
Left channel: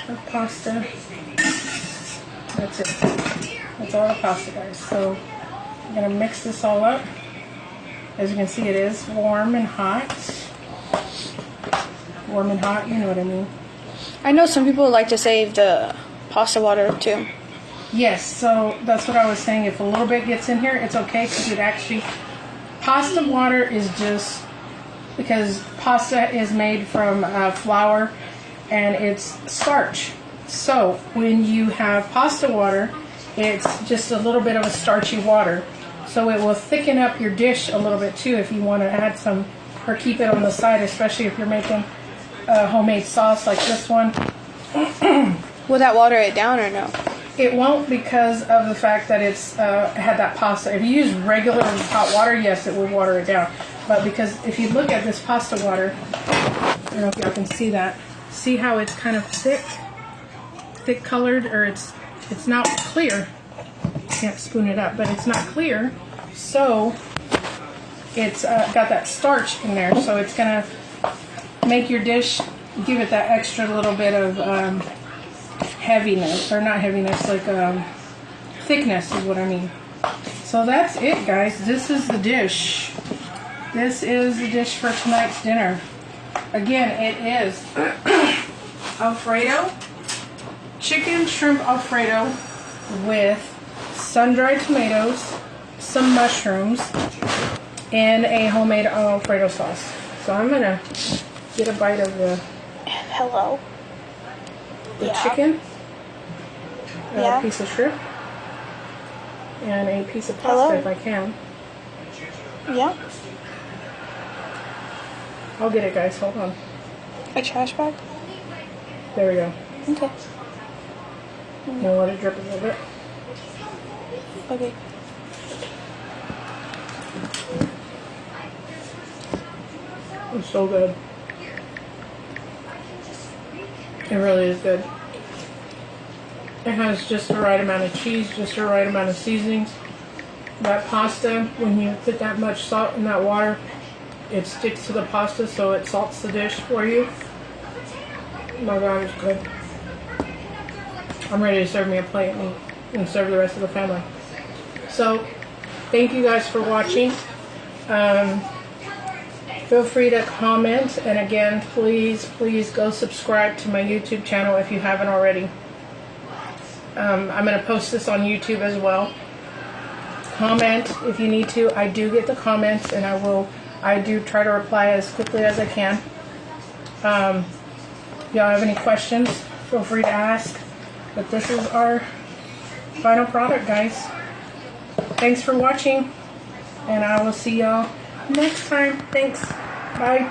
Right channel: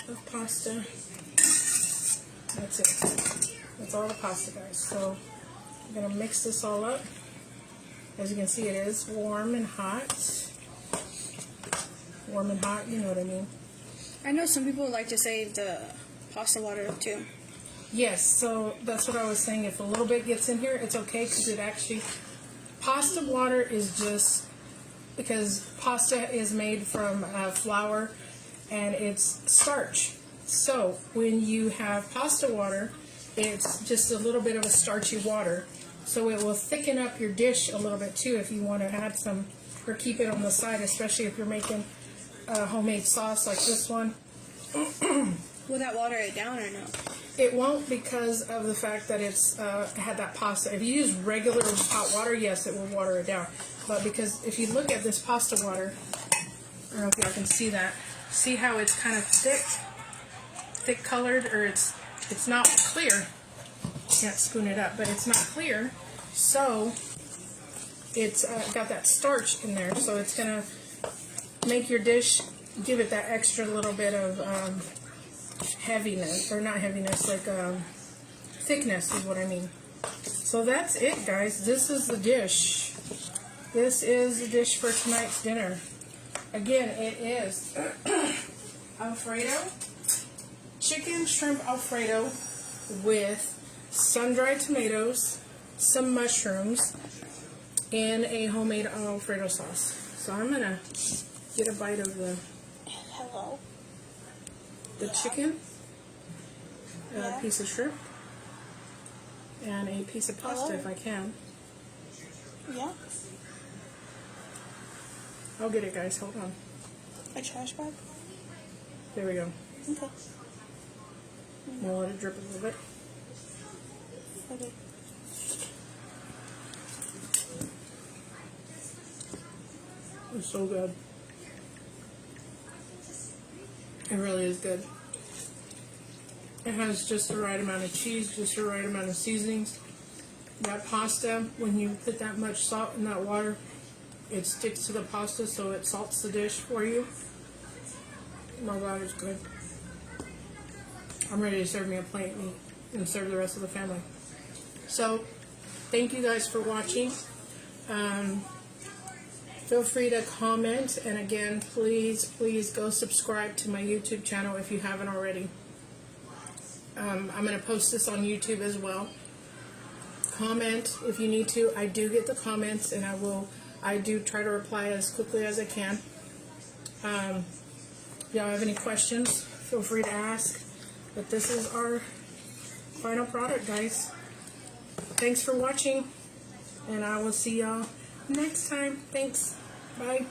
of pasta. That's it. That's all the pasta, guys. So I'm gonna mix this all up. As you can see, it is warm and hot. Warm and hot, you know what I mean. I know some people like to save the pasta water too. Yes, so that's what I was saying. If a little bit gets in here, it's okay because it actually, pasta water is just, because pasta is made from flour and it's starch. So when you have pasta water, it's just a little bit of a starchy water. So it will thicken up your dish a little bit too if you want to add some, or keep it on the side, especially if you're making a homemade sauce like this one. Will that water it down or no? It won't, because of the fact that it's had that pasta. If you use regular hot water, yes, it will water it down. But because if you look at this pasta water, I don't know if y'all can see that. See how it's kind of thick colored, or it's not clear. Can't spoon it up, but it's not clear. So it's got that starch in there, so it's gonna make your dish, give it that extra little bit of heaviness, or not heaviness, like thickness is what I mean. So that's it, guys. This is the dish. This is the dish for tonight's dinner. Again, it is Alfredo, chicken shrimp Alfredo with sun-dried tomatoes, some mushrooms, and a homemade Alfredo sauce. So I'm gonna get a bite of the Hello. chicken, Yeah. a piece of shrimp, and a piece of pasta. Hello. If I can. Yeah. I'll get it, guys. Hold on. A trash bag? There we go. Okay. I'm gonna let it drip a little bit. Okay. It's so good. It really is good. It has just the right amount of cheese, just the right amount of seasonings. That pasta, when you put that much salt in that water, it sticks to the pasta, so it salts the dish for you. My God, it's good. I'm ready to serve me a plate and serve the rest of the family. So, thank you guys for watching. Feel free to comment, and again, please go subscribe to my YouTube channel if you haven't already. I'm going to post this on YouTube as well. Comment if you need to. I do get the comments, and I do try to reply as quickly as I can. If y'all have any questions, feel free to ask. But this is our final product, guys. Thanks for watching, and I will see y'all next time. Thanks. Bye.